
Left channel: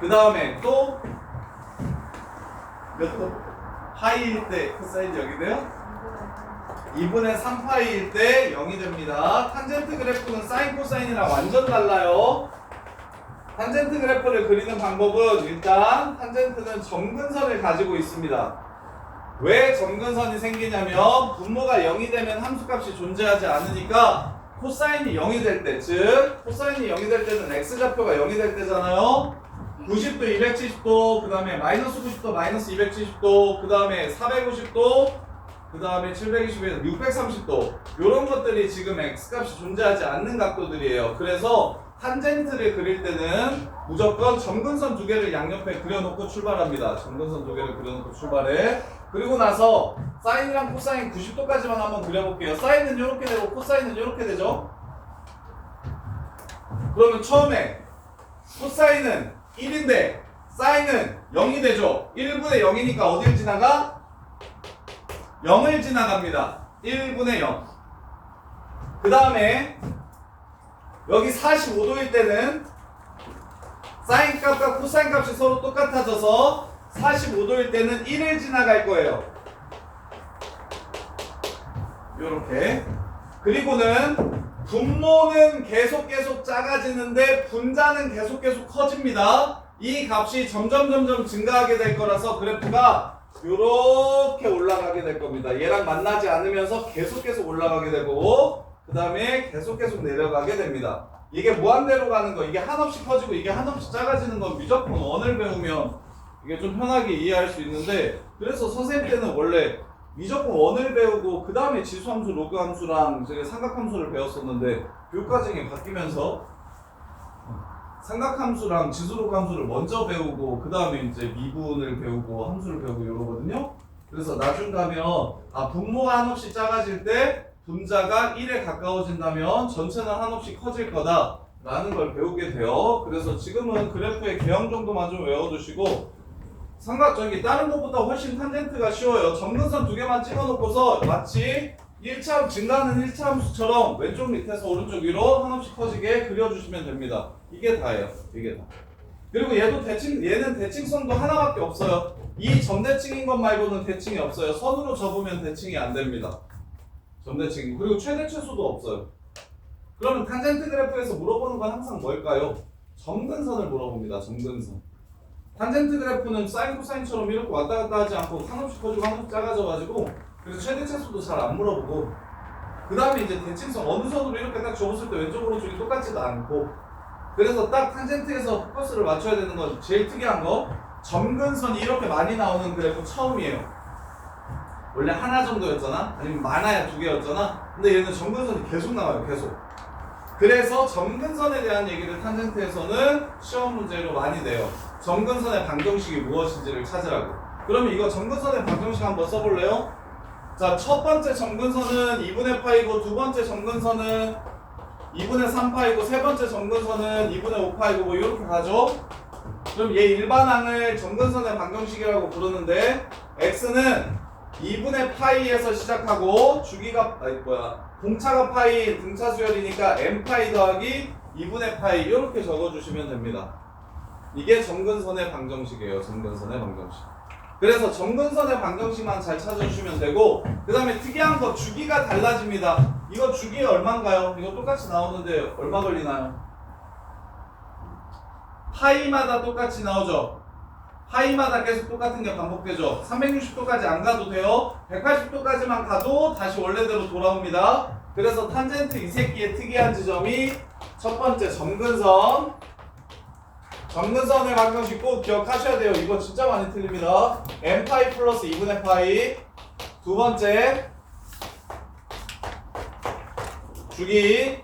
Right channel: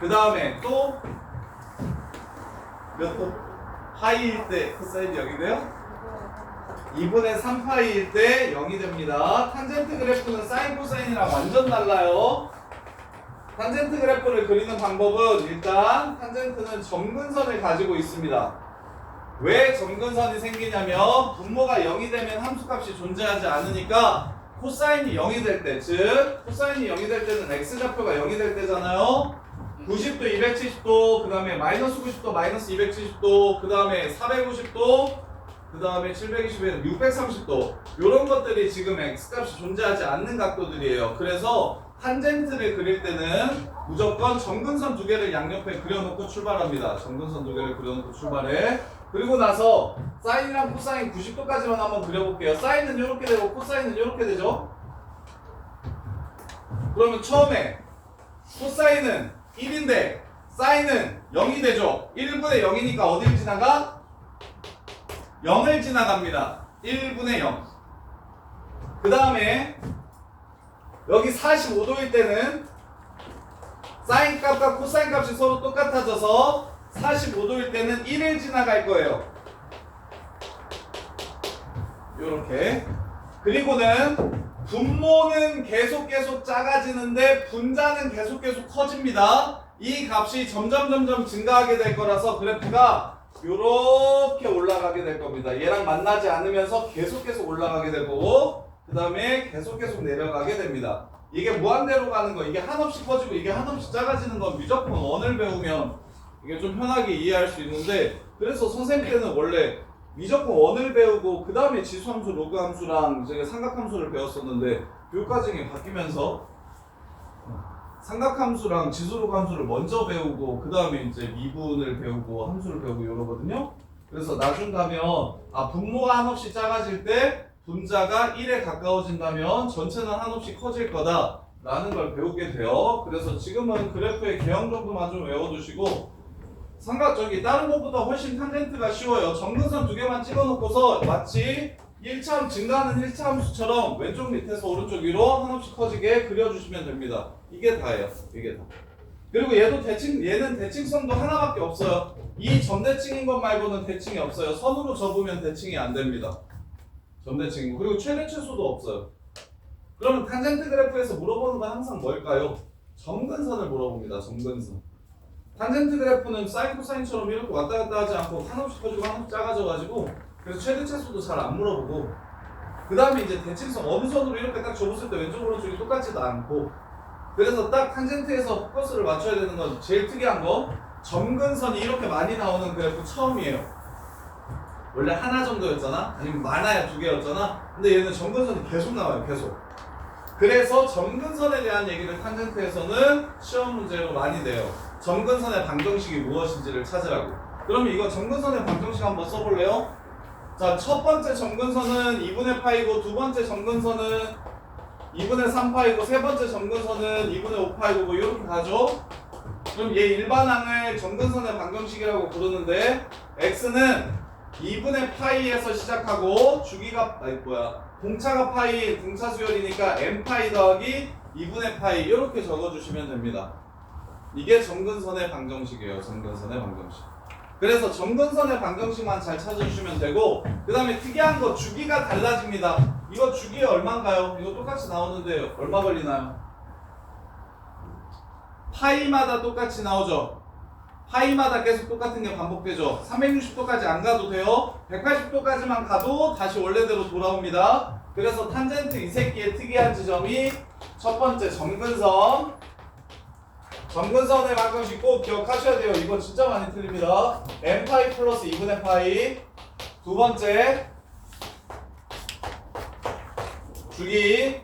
그 다음에 또 몇 도? 파이일 때 코사인이 0이 돼요? 2분의 3파이일 때 0이 됩니다. 탄젠트 그래프는 사인 코사인이랑 완전 달라요. 탄젠트 그래프를 그리는 방법은 일단 탄젠트는 점근선을 가지고 있습니다. 왜 점근선이 생기냐면 분모가 0이 되면 함수값이 존재하지 않으니까 코사인이 0이 될 때, 즉 코사인이 0이 될 때는 x좌표가 0이 될 때잖아요. 90도, 270도, 그 다음에 마이너스 90도, 마이너스 270도, 그 다음에 450도, 그 다음에 720에서 630도 이런 것들이 지금 x값이 존재하지 않는 각도들이에요. 그래서 탄젠트를 그릴 때는 무조건 점근선 두 개를 양옆에 그려놓고 출발합니다. 점근선 두 개를 그려놓고 출발해. 그리고 나서 사인이랑 코사인 90도까지만 한번 그려볼게요. 사인은 이렇게 되고 코사인은 이렇게 되죠. 그러면 처음에 코사인은 1인데 사인은 0이 되죠. 1분의 0이니까 어딜 지나가? 0을 지나갑니다. 1분의 0. 그 다음에 여기 45도일 때는 사인 값과 코사인 값이 서로 똑같아져서 45도일 때는 1을 지나갈 거예요. 요렇게. 그리고는 분모는 계속 작아지는데 분자는 계속 커집니다. 이 값이 점점 증가하게 될 거라서 그래프가 요렇게 올라가게 될 겁니다. 얘랑 만나지 않으면서 계속 올라가게 될 거고 그 다음에 계속 내려가게 됩니다. 이게 무한대로 가는 거, 이게 한없이 커지고 이게 한없이 작아지는 건 무조건 원을 배우면 이게 좀 편하게 이해할 수 있는데 그래서 선생님 때는 원래 무조건 원을 배우고 그 다음에 지수함수, 로그함수랑 제가 삼각함수를 배웠었는데 교육과정이 바뀌면서 삼각함수랑 지수로그함수를 먼저 배우고 그 다음에 이제 미분을 배우고 함수를 배우고 이러거든요. 그래서 나중 가면 분모가 한없이 작아질 때 분자가 1에 가까워진다면 전체는 한없이 커질 거다 라는 걸 배우게 돼요. 그래서 지금은 그래프의 개형 정도만 좀 외워두시고 다른 것보다 훨씬 탄젠트가 쉬워요. 점근선 두 개만 찍어놓고서 마치 1차 증가하는 1차 함수처럼 왼쪽 밑에서 오른쪽 위로 한없이 커지게 그려주시면 됩니다. 이게 다예요. 이게 다. 그리고 얘는 대칭선도 하나밖에 없어요. 이 점대칭인 것 말고는 대칭이 없어요. 선으로 접으면 대칭이 안 됩니다. 점대칭이고 그리고 최대 최소도 없어요. 그러면 탄젠트 그래프에서 물어보는 건 항상 뭘까요? 점근선을 물어봅니다. 점근선. 탄젠트 그래프는 사인 코사인처럼 이렇게 왔다 갔다 하지 않고 한없이 커지고 한없이 작아져가지고 그래서 최대 최소도 잘 안 물어보고 그 다음에 이제 대칭선 어느 선으로 이렇게 딱 접었을 때 왼쪽 오른쪽이 똑같지도 않고 그래서 딱 탄젠트에서 포커스를 맞춰야 되는 건 제일 특이한 거 점근선이 이렇게 많이 나오는 그래프 처음이에요. 원래 하나 정도였잖아? 아니면 많아야 두 개였잖아? 근데 얘는 점근선이 계속 나와요. 계속. 그래서 점근선에 대한 얘기를 탄젠트에서는 시험 문제로 많이 내요. 점근선의 방정식이 무엇인지를 찾으라고. 그러면 이거 점근선의 방정식 한번 써볼래요? 자, 첫 번째 점근선은 2분의 파이고 두 번째 점근선은 2분의 3파이고 세 번째 점근선은 2분의 5파이고 뭐 이렇게 가죠? 그럼 얘 일반항을 점근선의 방정식이라고 부르는데 x는 2분의 파이에서 시작하고 주기가 공차가 파이 등차 수열이니까 n파이 더하기 2분의 파이 이렇게 적어주시면 됩니다. 이게 점근선의 방정식이에요. 점근선의 방정식. 그래서 점근선의 방정식만 잘 찾아주시면 되고 그 다음에 특이한 거 주기가 달라집니다. 이거 주기 얼마인가요? 이거 똑같이 나오는데 얼마 걸리나요? 파이마다 똑같이 나오죠. 파이마다 계속 똑같은 게 반복되죠. 360도까지 안 가도 돼요. 180도까지만 가도 다시 원래대로 돌아옵니다. 그래서 탄젠트 이 새끼의 특이한 지점이 첫 번째 점근선. 점근선의 방정식 꼭 기억하셔야 돼요. 이거 진짜 많이 틀립니다. n파이 플러스 2분의 파이. 두 번째 주기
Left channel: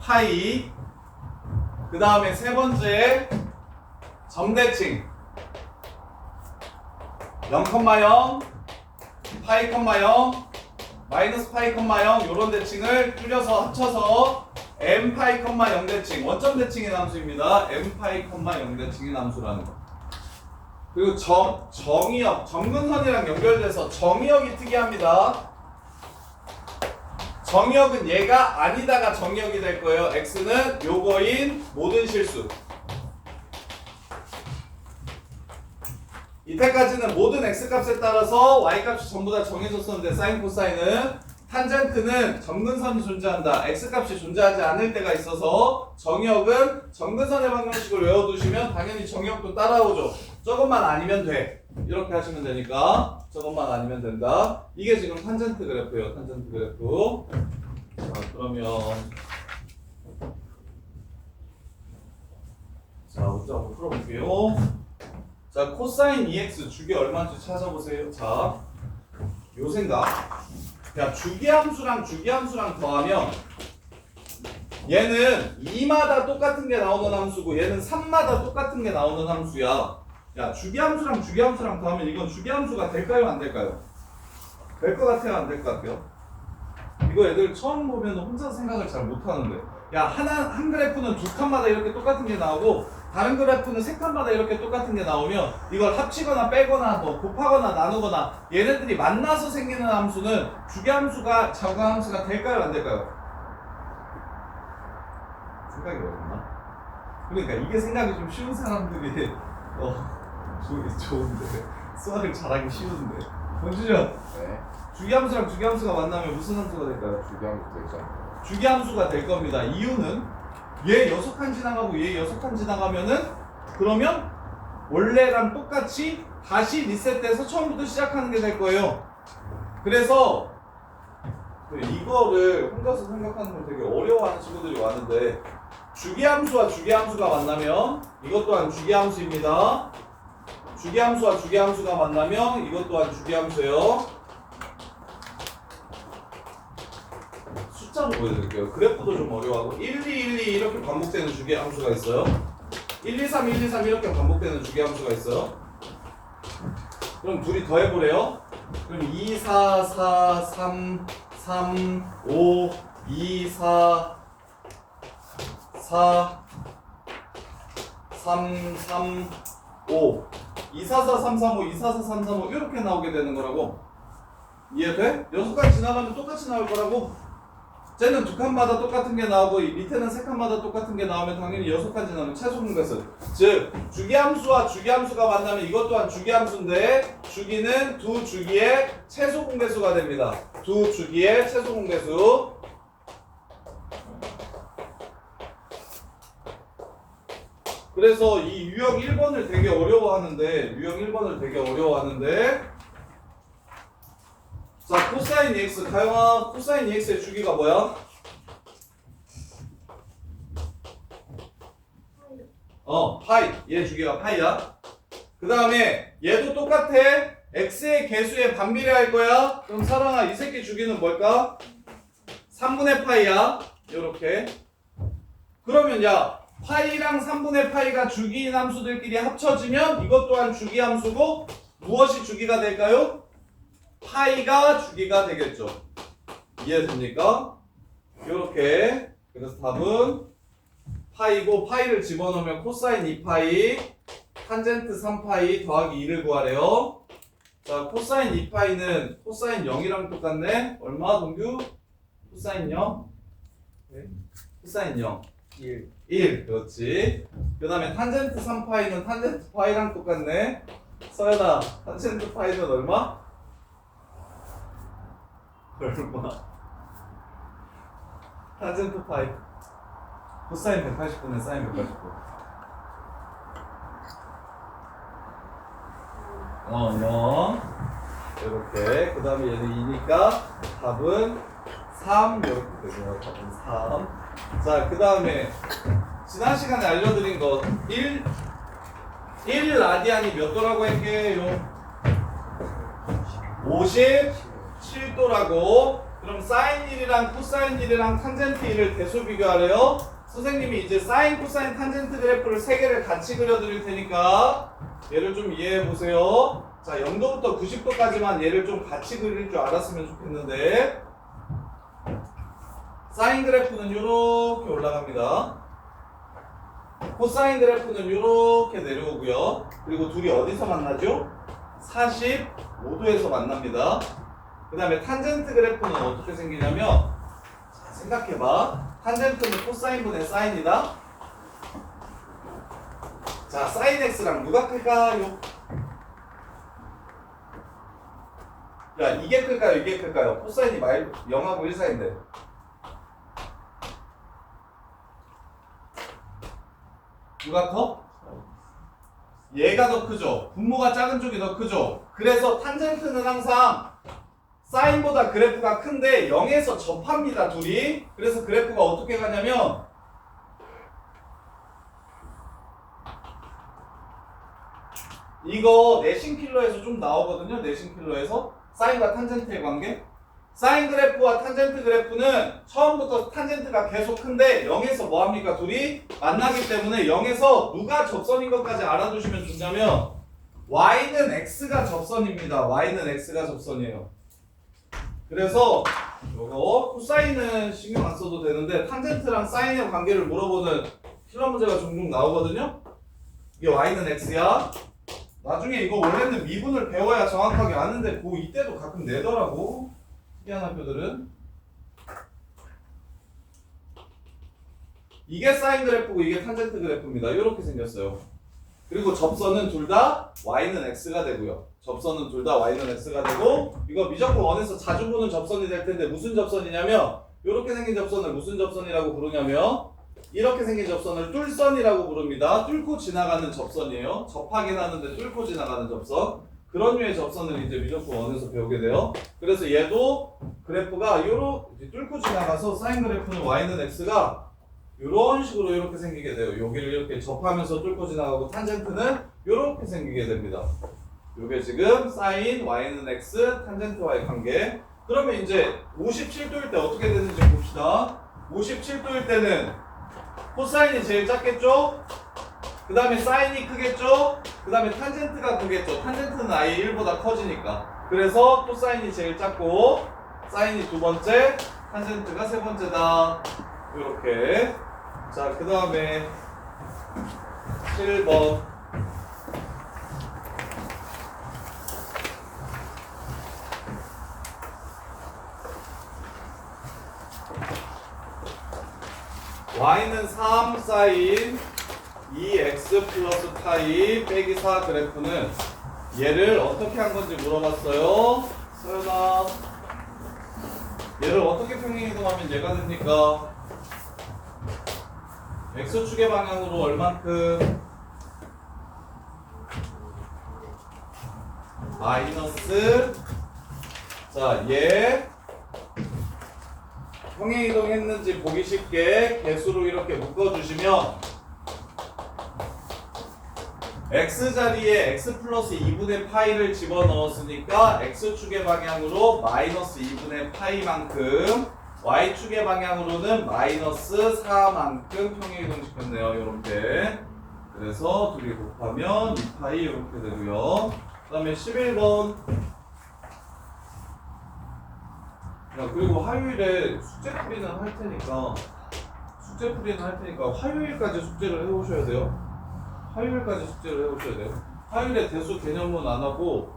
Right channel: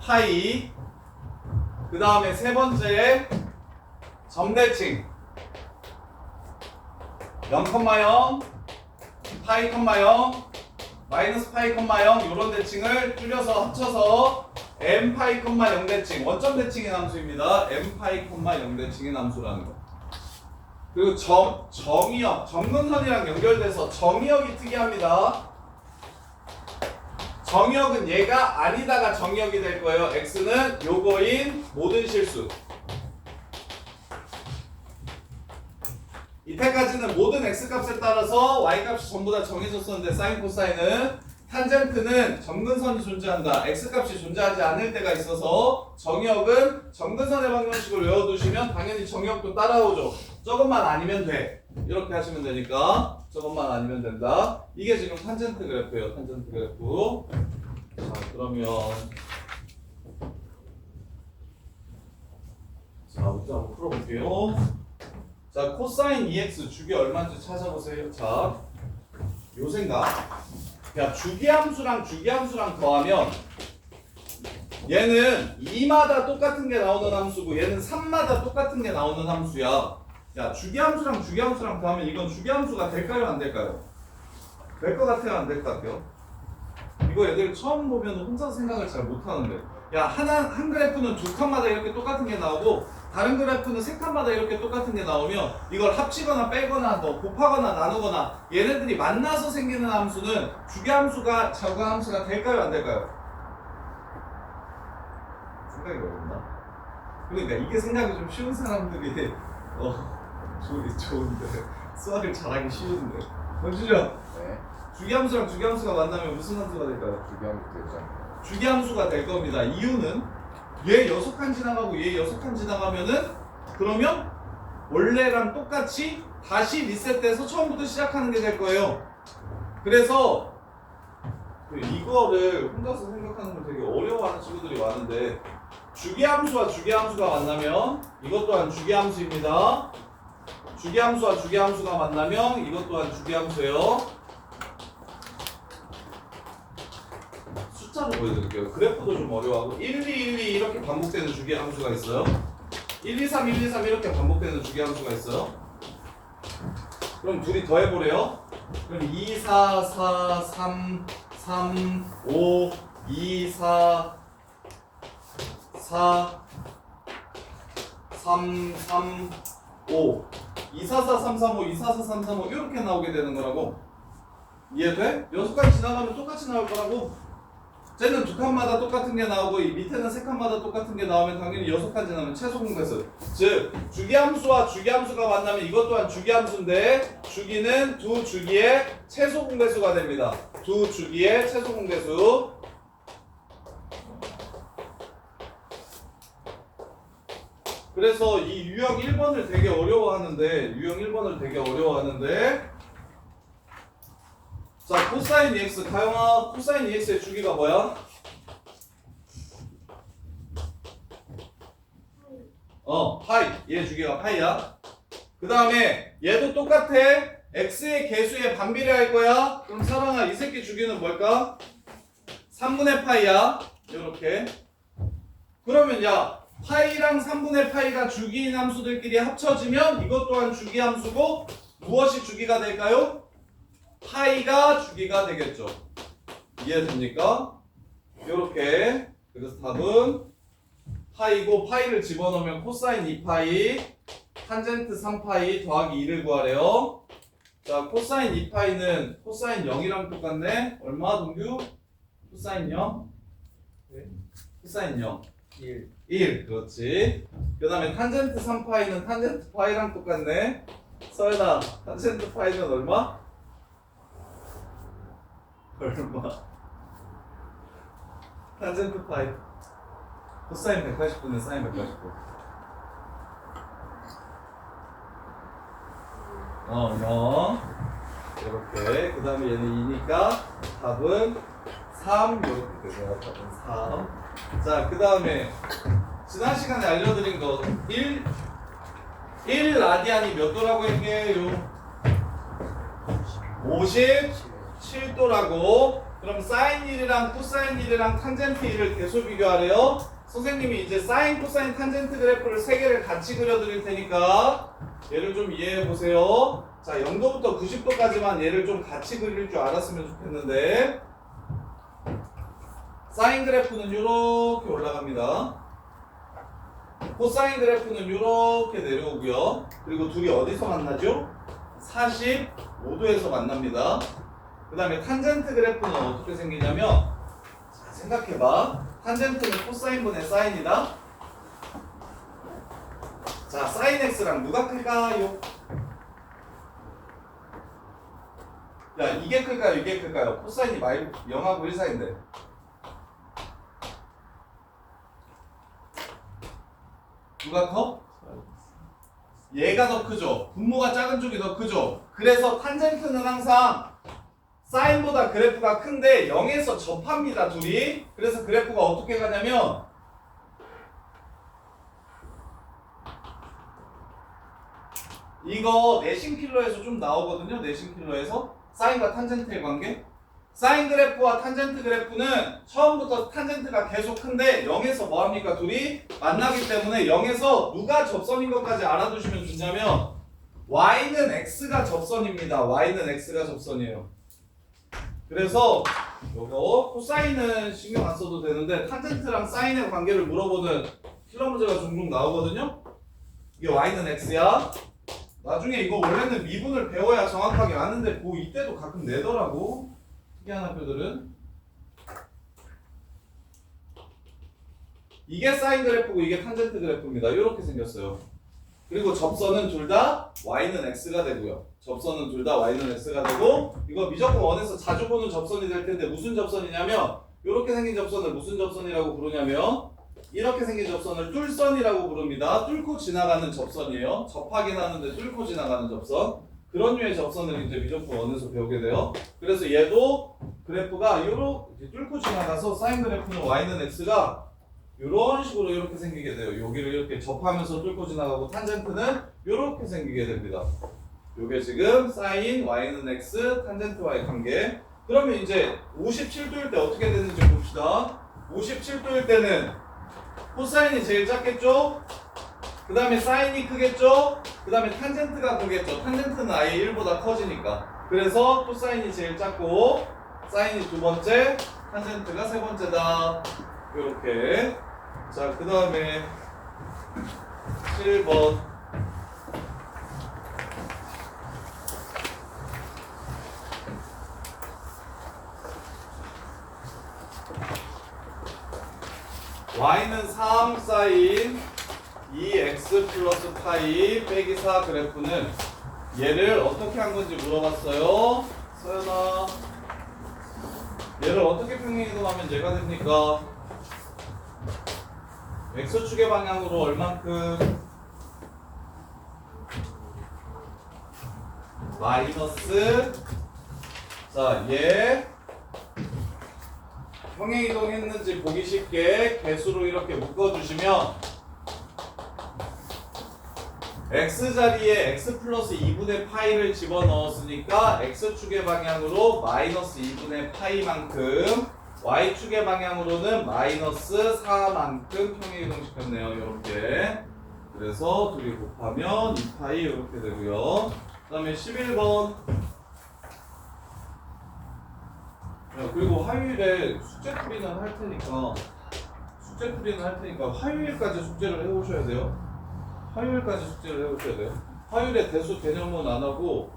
파이. 그 다음에 세 번째 점대칭 0,0 파이, 0 마이너스 파이, 0 요런 대칭을 줄여서 합쳐서 n파이, 0 대칭 원점 대칭의 함수입니다. n파이, 0 대칭의 함수라는 거. 그리고 정의역 점근선이랑 연결돼서 정의역이 특이합니다. 정의역은 얘가 아니다가 정의역이 될 거예요. x는 요거인 모든 실수. 이때까지는 모든 x값에 따라서 y값이 전부 다 정해졌었는데 사인 코사인은 탄젠트는 점근선이 존재한다. x값이 존재하지 않을 때가 있어서 정의역은 점근선의 방정식을 외워두시면 당연히 정의역도 따라오죠. 저것만 아니면 돼. 이렇게 하시면 되니까 저것만 아니면 된다. 이게 지금 탄젠트 그래프예요. 탄젠트 그래프. 자, 그러면 자, 먼저 한번 풀어볼게요. 자, 코사인 2x 주기 얼마인지 찾아보세요. 자, 요 생각. 야, 주기함수랑 주기함수랑 더하면 얘는 2마다 똑같은 게 나오는 함수고 얘는 3마다 똑같은 게 나오는 함수야. 야, 주기함수랑 주기함수랑 더하면 이건 주기함수가 될까요? 안 될까요? 될 것 같아요? 안 될 것 같아요? 이거 애들 처음 보면 혼자 생각을 잘 못하는데 야, 한 그래프는 두 칸마다 이렇게 똑같은 게 나오고 다른 그래프는 세 칸마다 이렇게 똑같은 게 나오면 이걸 합치거나 빼거나 뭐 곱하거나 나누거나 얘네들이 만나서 생기는 함수는 주기함수가 자구함수가 될까요? 안 될까요? 생각이 어렵나? 그러니까 이게 생각이 좀 쉬운 사람들이 좋은데 수학을 잘하기 쉬운데 정준이 형 네. 주기함수랑 주기함수가 만나면 무슨 함수가 될까요? 주기함수 되죠. 주기함수가 될 겁니다. 이유는 얘 6칸 지나가고 얘 6칸 지나가면은 그러면 원래랑 똑같이 다시 리셋돼서 처음부터 시작하는 게 될 거예요. 그래서 이거를 혼자서 생각하는 걸 되게 어려워하는 친구들이 많은데 주기함수와 주기함수가 만나면 이것 또한 주기함수입니다. 주기함수와 주기함수가 만나면 이것 또한 주기함수예요. 숫자로 보여드릴게요. 그래프도 좀 어려워하고 1, 2, 1, 2 이렇게 반복되는 주기함수가 있어요. 1, 2, 3, 1, 2, 3 이렇게 반복되는 주기함수가 있어요. 그럼 둘이 더해보래요. 그럼 2, 4, 4, 3, 3, 5, 2, 4, 4, 3, 3, 5 2, 4, 4, 3, 3, 5 2, 4, 4, 3, 3, 5 이렇게 나오게 되는 거라고. 이해돼? 6칸 지나가면 똑같이 나올 거라고. 쟤는 두 칸마다 똑같은 게 나오고 이 밑에는 세 칸마다 똑같은 게 나오면 당연히 6칸 지나면 최소 공배수. 즉 주기함수와 주기함수가 만나면 이것 또한 주기함수인데 주기는 두 주기의 최소 공배수가 됩니다. 두 주기의 최소 공배수. 그래서 이 유형 1번을 되게 어려워하는데 자, 코사인 EX 가영아, 코사인 EX의 주기가 뭐야? 파이. 얘 주기가 파이야. 그 다음에 얘도 똑같아. X의 개수에 반비례할 거야. 그럼 사랑아, 이 새끼 주기는 뭘까? 3분의 파이야. 요렇게. 그러면 야, 파이랑 3분의 파이가 주기인 함수들끼리 합쳐지면 이것 또한 주기 함수고 무엇이 주기가 될까요? 파이가 주기가 되겠죠. 이해됩니까? 요렇게. 그래서 답은 파이고 파이를 집어넣으면 코사인 2파이 탄젠트 3파이 더하기 2를 구하래요. 자, 코사인 2파이는 코사인 0이랑 똑같네. 얼마 동규? 코사인 0? 네. 코사인 0 1. 1. 그렇지. 그 다음에 탄젠트 3파이는 탄젠트 파이랑 똑같네. 서연아, 탄젠트 파이는 얼마? 얼마? 탄젠트 파이 코사인 180분에 사인 180분. 0. 이렇게. 그 다음에 얘는 2니까 답은 3. 이렇게 되고요. 답은 3. 자, 그 다음에 지난 시간에 알려드린 거 1 라디안이 몇 도라고 했게요? 57도라고. 그럼 사인 1이랑 코사인 1이랑 탄젠트 1을 계수 비교하래요. 선생님이 이제 사인, 코사인, 탄젠트 그래프를 3개를 같이 그려드릴 테니까 얘를 좀 이해해 보세요. 자, 0도부터 90도까지만 얘를 좀 같이 그릴 줄 알았으면 좋겠는데, 사인 그래프는 이렇게 올라갑니다. 코사인 그래프는 이렇게 내려오고요. 그리고 둘이 어디서 만나죠? 45도에서 만납니다. 그 다음에 탄젠트 그래프는 어떻게 생기냐면, 자, 생각해봐. 탄젠트는 코사인분의 사인이다. 자, 사인 x랑 누가 클까요? 야, 이게 클까요? 이게 클까요? 코사인이 0하고 1 사이인데. 누가 커? 얘가 더 크죠. 분모가 작은 쪽이 더 크죠. 그래서 탄젠트는 항상 사인보다 그래프가 큰데 0에서 접합니다, 둘이. 그래서 그래프가 어떻게 가냐면 이거 내신킬러에서 좀 나오거든요. 내신킬러에서 사인과 탄젠트의 관계. 사인 그래프와 탄젠트 그래프는 처음부터 탄젠트가 계속 큰데 0에서 뭐합니까? 둘이 만나기 때문에 0에서 누가 접선인 것까지 알아두시면 좋냐면 y는 x가 접선입니다. y는 x가 접선이에요. 그래서 요거 코사인은 신경 안 써도 되는데 탄젠트랑 사인의 관계를 물어보는 킬러 문제가 종종 나오거든요. 이게 y는 x야. 나중에 이거 원래는 미분을 배워야 정확하게 아는데 고2 때도 가끔 내더라고. 특이한 학교들은. 이게 사인 그래프고 이게 탄젠트 그래프입니다. 이렇게 생겼어요. 그리고 접선은 둘 다 y는 x가 되고요. 접선은 둘 다 y는 x가 되고, 이거 미적분 원에서 자주 보는 접선이 될 텐데 무슨 접선이냐면, 이렇게 생긴 접선을 무슨 접선이라고 부르냐면 이렇게 생긴 접선을 뚫선이라고 부릅니다. 뚫고 지나가는 접선이에요. 접하긴 하는데 뚫고 지나가는 접선. 그런 류의 접선을 이제 미적분 원에서 배우게 돼요. 그래서 얘도 그래프가 이렇게 뚫고 지나가서 사인 그래프는 y는 x가 이런 식으로 이렇게 생기게 돼요. 여기를 이렇게 접하면서 뚫고 지나가고, 탄젠트는 이렇게 생기게 됩니다. 요게 지금 사인 y는 x 탄젠트와의 관계. 그러면 이제 57도일 때 어떻게 되는지 봅시다. 57도일 때는 코사인이 제일 작겠죠? 그 다음에 사인이 크겠죠? 그 다음에 탄젠트가 크겠죠? 탄젠트는 아예 1보다 커지니까. 그래서 코사인이 제일 작고 사인이 두 번째, 탄젠트가 세 번째다. 요렇게. 자, 그 다음에 7번. y는 3 사인 2x 플러스 파이 빼기 4 그래프는 얘를 어떻게 한 건지 물어봤어요. 서연아, 얘를 어떻게 평행이동하면 얘가 됩니까? x축의 방향으로 얼만큼? 마이너스. 자, 얘 평행이동했는지 보기 쉽게 개수로 이렇게 묶어주시면 x자리에 x 플러스 2분의 파이를 집어넣었으니까 x축의 방향으로 마이너스 2분의 파이만큼 y축의 방향으로는 마이너스 4만큼 평행이동시켰네요. 이렇게. 그래서 둘이 곱하면 2파이 이렇게 되고요. 그 다음에 11번. 그리고 화요일에 숙제풀이는 할 테니까 화요일까지 숙제를 해오셔야 돼요. 화요일까지 숙제를 해오셔야 돼요. 화요일에 대수 개념은 안 하고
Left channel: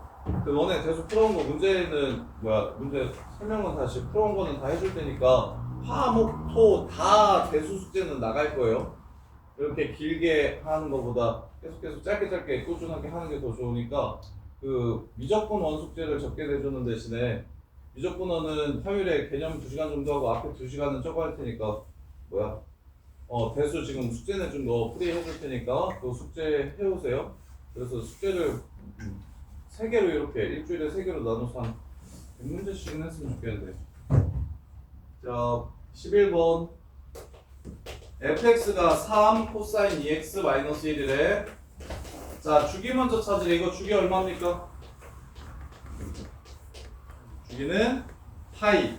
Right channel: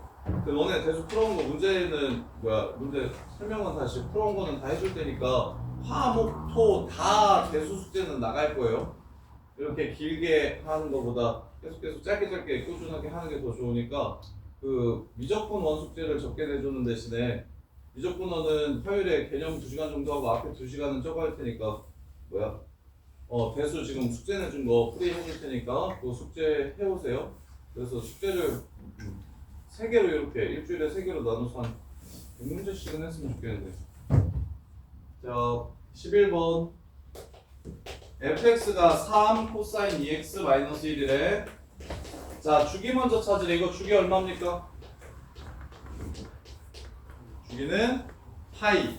너네 대수 풀어온 거 문제 설명은 다시 풀어온 거는 다 해줄 테니까 화, 목, 토 다 대수 숙제는 나갈 거예요. 이렇게 길게 하는 것보다 계속 짧게 꾸준하게 하는 게 더 좋으니까 그 미적분 원 숙제를 적게 내주는 대신에 미적분 원은 화요일에 개념 2시간 정도 하고 앞에 2시간은 적어 할 테니까 대수 지금 숙제 내준 거 풀이 해줄 테니까 그 숙제 해오세요. 그래서 숙제를 3개로 이렇게 일주일에 3개로 나눠서 한 100문제씩은 했으면 좋겠는데. 자, 11번. fx가 3 코사인 2x 마이너스 1이래. 자, 주기 먼저 찾으래. 이거 주기 얼마입니까? 주기는 파이.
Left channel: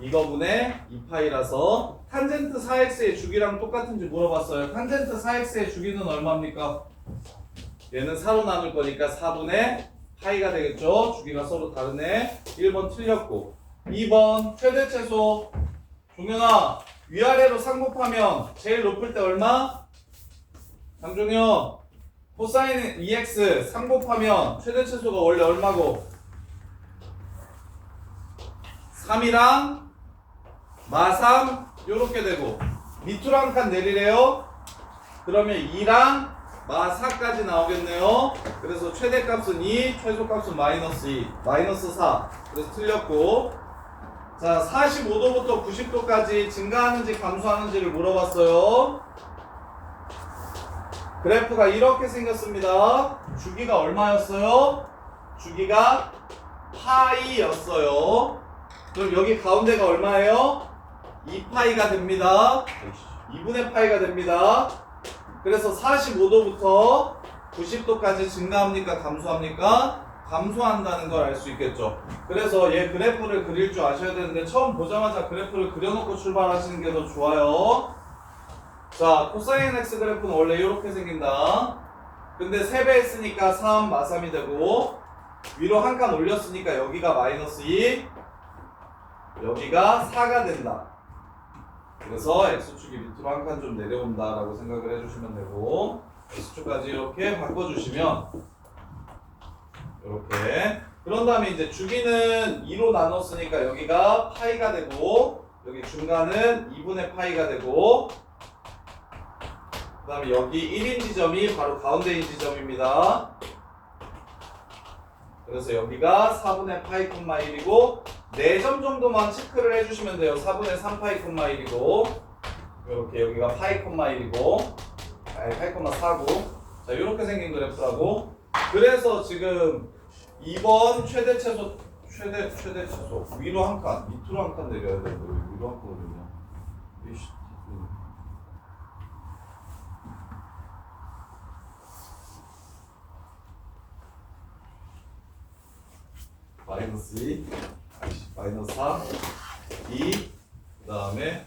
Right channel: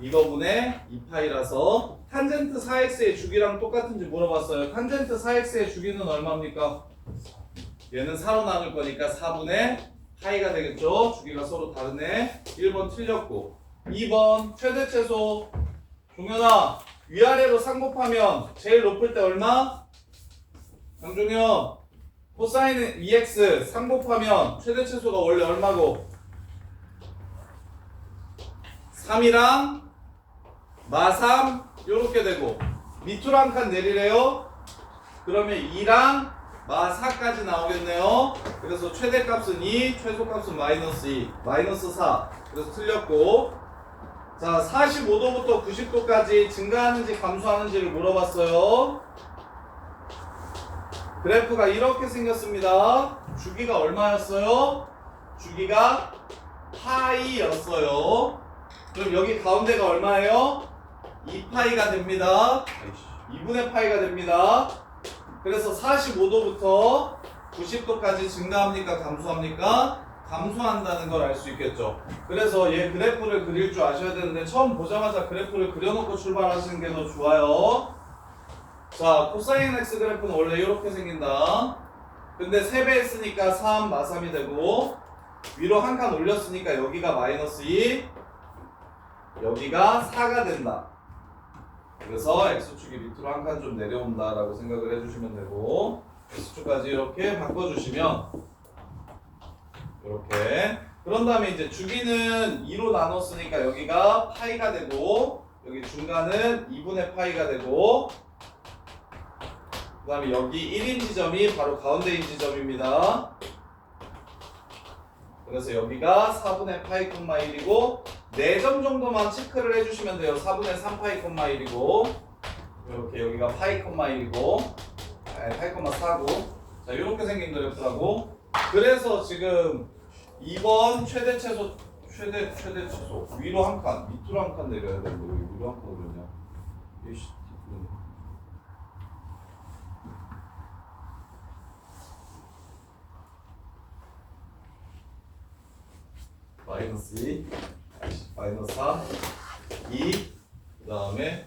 이거분의 2파이라서 탄젠트 4x의 주기랑 똑같은지 물어봤어요. 탄젠트 4x의 주기는 얼마입니까? 얘는 4로 나눌 거니까 4분의 파이가 되겠죠. 주기가 서로 다르네. 1번 틀렸고. 2번 최대 최소. 종현아, 위아래로 쌍곱하면 제일 높을 때 얼마? 장종현, 코사인 2x 쌍곱하면 최대 최소가 원래 얼마고? 3이랑 마3 요렇게 되고 밑으로 한 칸 내리래요. 그러면 2랑 마4까지 나오겠네요. 그래서 최대값은 2, 최소값은 마이너스 2, 마이너스 4. 그래서 틀렸고. 자, 45도부터 90도까지 증가하는지 감소하는지를 물어봤어요. 그래프가 이렇게 생겼습니다. 주기가 얼마였어요? 주기가 파이였어요. 그럼 여기 가운데가 얼마예요? 2파이가 됩니다. 2분의 파이가 됩니다. 그래서 45도부터 90도까지 증가합니까? 감소합니까? 감소한다는 걸 알 수 있겠죠. 그래서 얘 그래프를 그릴 줄 아셔야 되는데 처음 보자마자 그래프를 그려놓고 출발하시는 게 더 좋아요. 자, 코사인 x 그래프는 원래 이렇게 생긴다. 근데 3배 했으니까 3, 마3이 되고 위로 한 칸 올렸으니까 여기가 마이너스 2, 여기가 4가 된다. 그래서 x축이 밑으로 한 칸 좀 내려온다 라고 생각을 해주시면 되고 x축까지 이렇게 바꿔주시면 이렇게. 그런 다음에 이제 주기는 2로 나눴으니까 여기가 파이가 되고 여기 중간은 2분의 파이가 되고 그 다음에 여기 1인 지점이 바로 가운데인 지점입니다. 그래서 여기가 4분의 파이 콤마 1이고 4점 정도만 체크를 해주시면 돼요. 4분의 3 파이 콤마 1이고 이렇게 여기가 파이 콤마 1이고 파이 콤마 4고 자 이렇게 생긴 그래프라고. 그래서 지금 2번 최대 최소 위로 한 칸 밑으로 한 칸 내려야 되는데 왜 위로 한 칸 올렸냐. 마이너스 2, 마이너스 3, 2, 그 다음에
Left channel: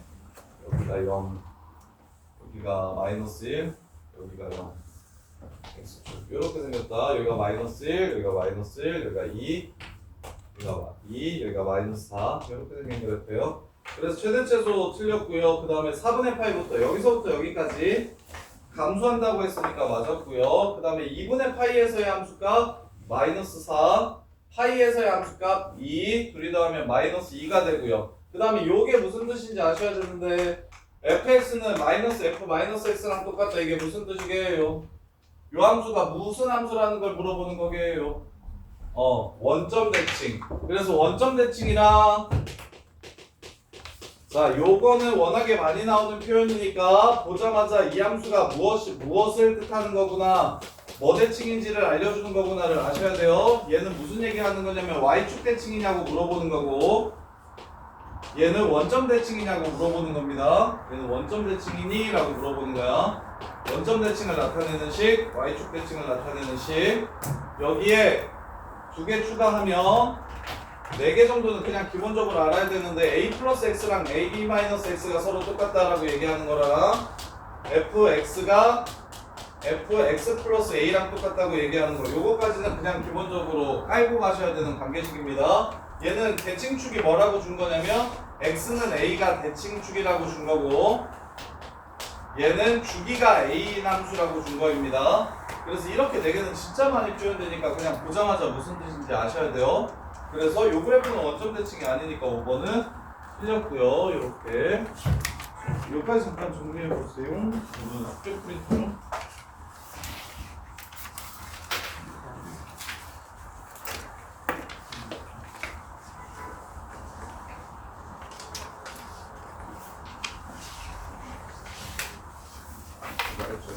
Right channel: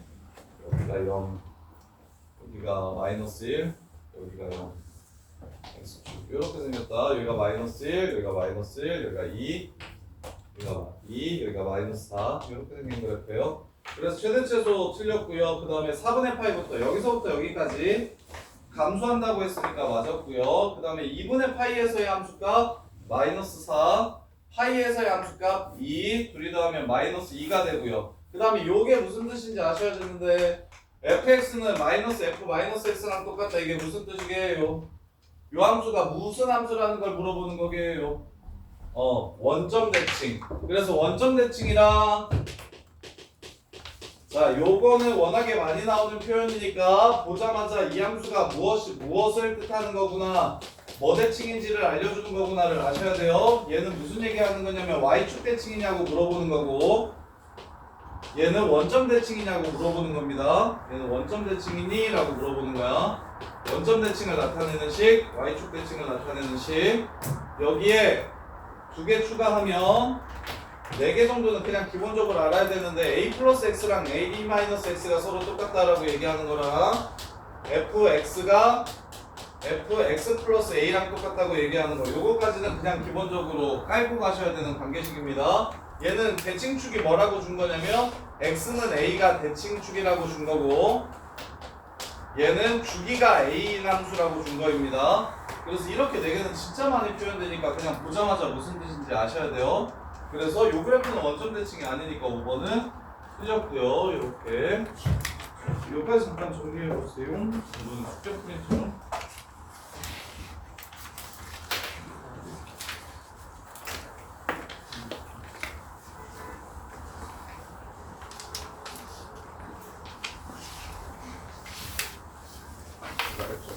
여기가 0, 여기가 마이너스 1, 여기가 0. x축 이렇게 생겼다. 여기가 마이너스 1, 여기가 마이너스 1, 여기가 2, 여기가 2, 여기가 마이너스 4 이렇게 생긴 그래프예요. 그래서 최대 최소 틀렸고요. 그 다음에 4분의 파이부터 여기서부터 여기까지 감소한다고 했으니까 맞았고요. 그 다음에 2분의 파이에서의 함수값 마이너스 4, 파이에서의 함수값 2, 둘이 더하면 마이너스 2가 되고요. 그 다음에 요게 무슨 뜻인지 아셔야 되는데 fx는 마이너스 f 마이너스 x랑 똑같다. 이게 무슨 뜻이게요? 요 함수가 무슨 함수라는 걸 물어보는 거게요. 원점 대칭. 그래서 원점 대칭이랑 자 요거는 워낙에 많이 나오는 표현이니까 보자마자 이 함수가 무엇을 뜻하는 거구나, 뭐 대칭인지를 알려주는 거구나를 아셔야 돼요. 얘는 무슨 얘기하는 거냐면 y축 대칭이냐고 물어보는 거고 얘는 원점 대칭이냐고 물어보는 겁니다. 얘는 원점 대칭이니? 라고 물어보는 거야. 원점 대칭을 나타내는 식, y축 대칭을 나타내는 식. 여기에 2개 추가하면 4개 정도는 그냥 기본적으로 알아야 되는데 a 플러스 x랑 ab 마이너스 x가 서로 똑같다라고 얘기하는 거랑 fx가 fx 플러스 a랑 똑같다고 얘기하는 거 요거까지는 그냥 기본적으로 깔고 가셔야 되는 관계식입니다. 얘는 대칭축이 뭐라고 준 거냐면 x는 a가 대칭축이라고 준 거고 얘는 주기가 a인 함수라고 준 거입니다. 그래서 이렇게 4개는 진짜 많이 표현되니까 그냥 보자마자 무슨 뜻인지 아셔야 돼요. 그래서 요 그래프는 원점 대칭이 아니니까 5번은 틀렸고요. 이렇게 여기까지 잠깐 정리해 보세요. 이건 숙제 프린트로. 잘했죠.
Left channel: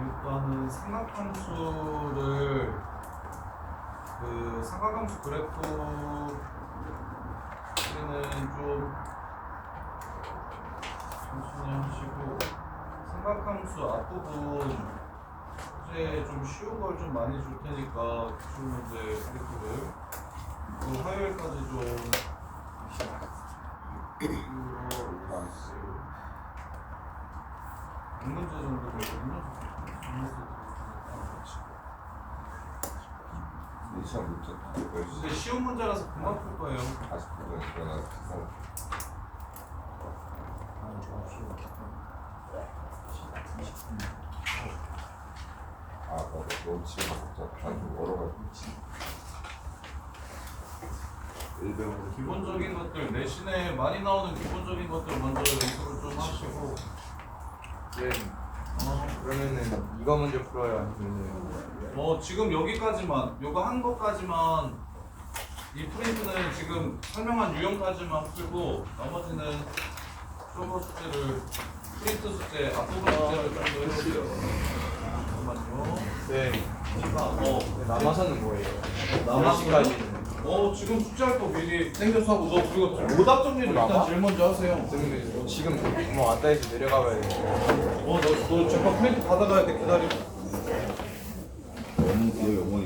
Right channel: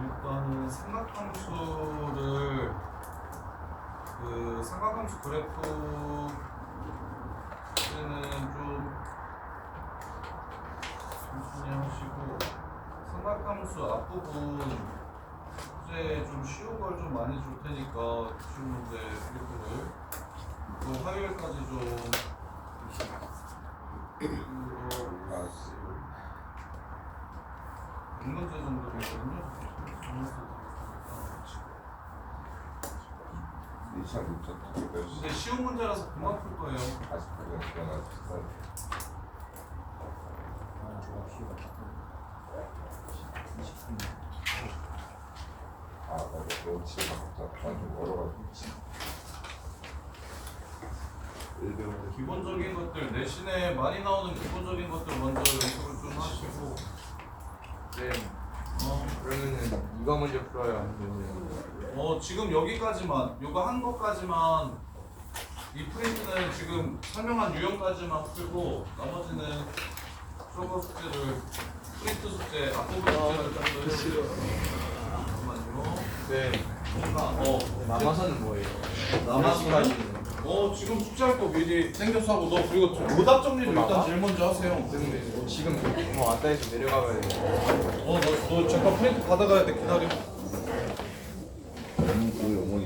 일단은 삼각함수를 그 삼각함수 그래프는 좀 천천히 하시고 삼각함수 앞부분 문제 좀 쉬운 걸 좀 많이 줄 테니까 기출 문제 그래프를 그 화요일까지 좀 문제 정도 되거든요. 2차 문제 근데 쉬운 문제라서 금방 풀 거예요. 40분에 일어나서 아, 나도 너 집에 먹자. 난좀 멀어가지고. 기본적인 것들 내신에 많이 나오는 기본적인 것들 먼저 연습을 좀 하시고. 네. 그러면은 이거 먼저 풀어요 아니면은 지금 여기까지만 요거 한 것까지만 이 프린트는 지금 설명한 유형까지만 풀고 나머지는 프로버 숙제를 프린트 숙제 앞부분 숙제를 좀 더 해주세요. 잠깐만요. 네. 남아서는 뭐예요? 남아서는? 지금 숙제할 거 미리 생겨서 하고 너 그리고 오답 정리를 일단 제일 먼저 하세요. 지금 뭐 왔다 해서 내려가봐야 돼. 너 잠깐 프린트 받아가야 돼. 기다려. 너무 그 어머니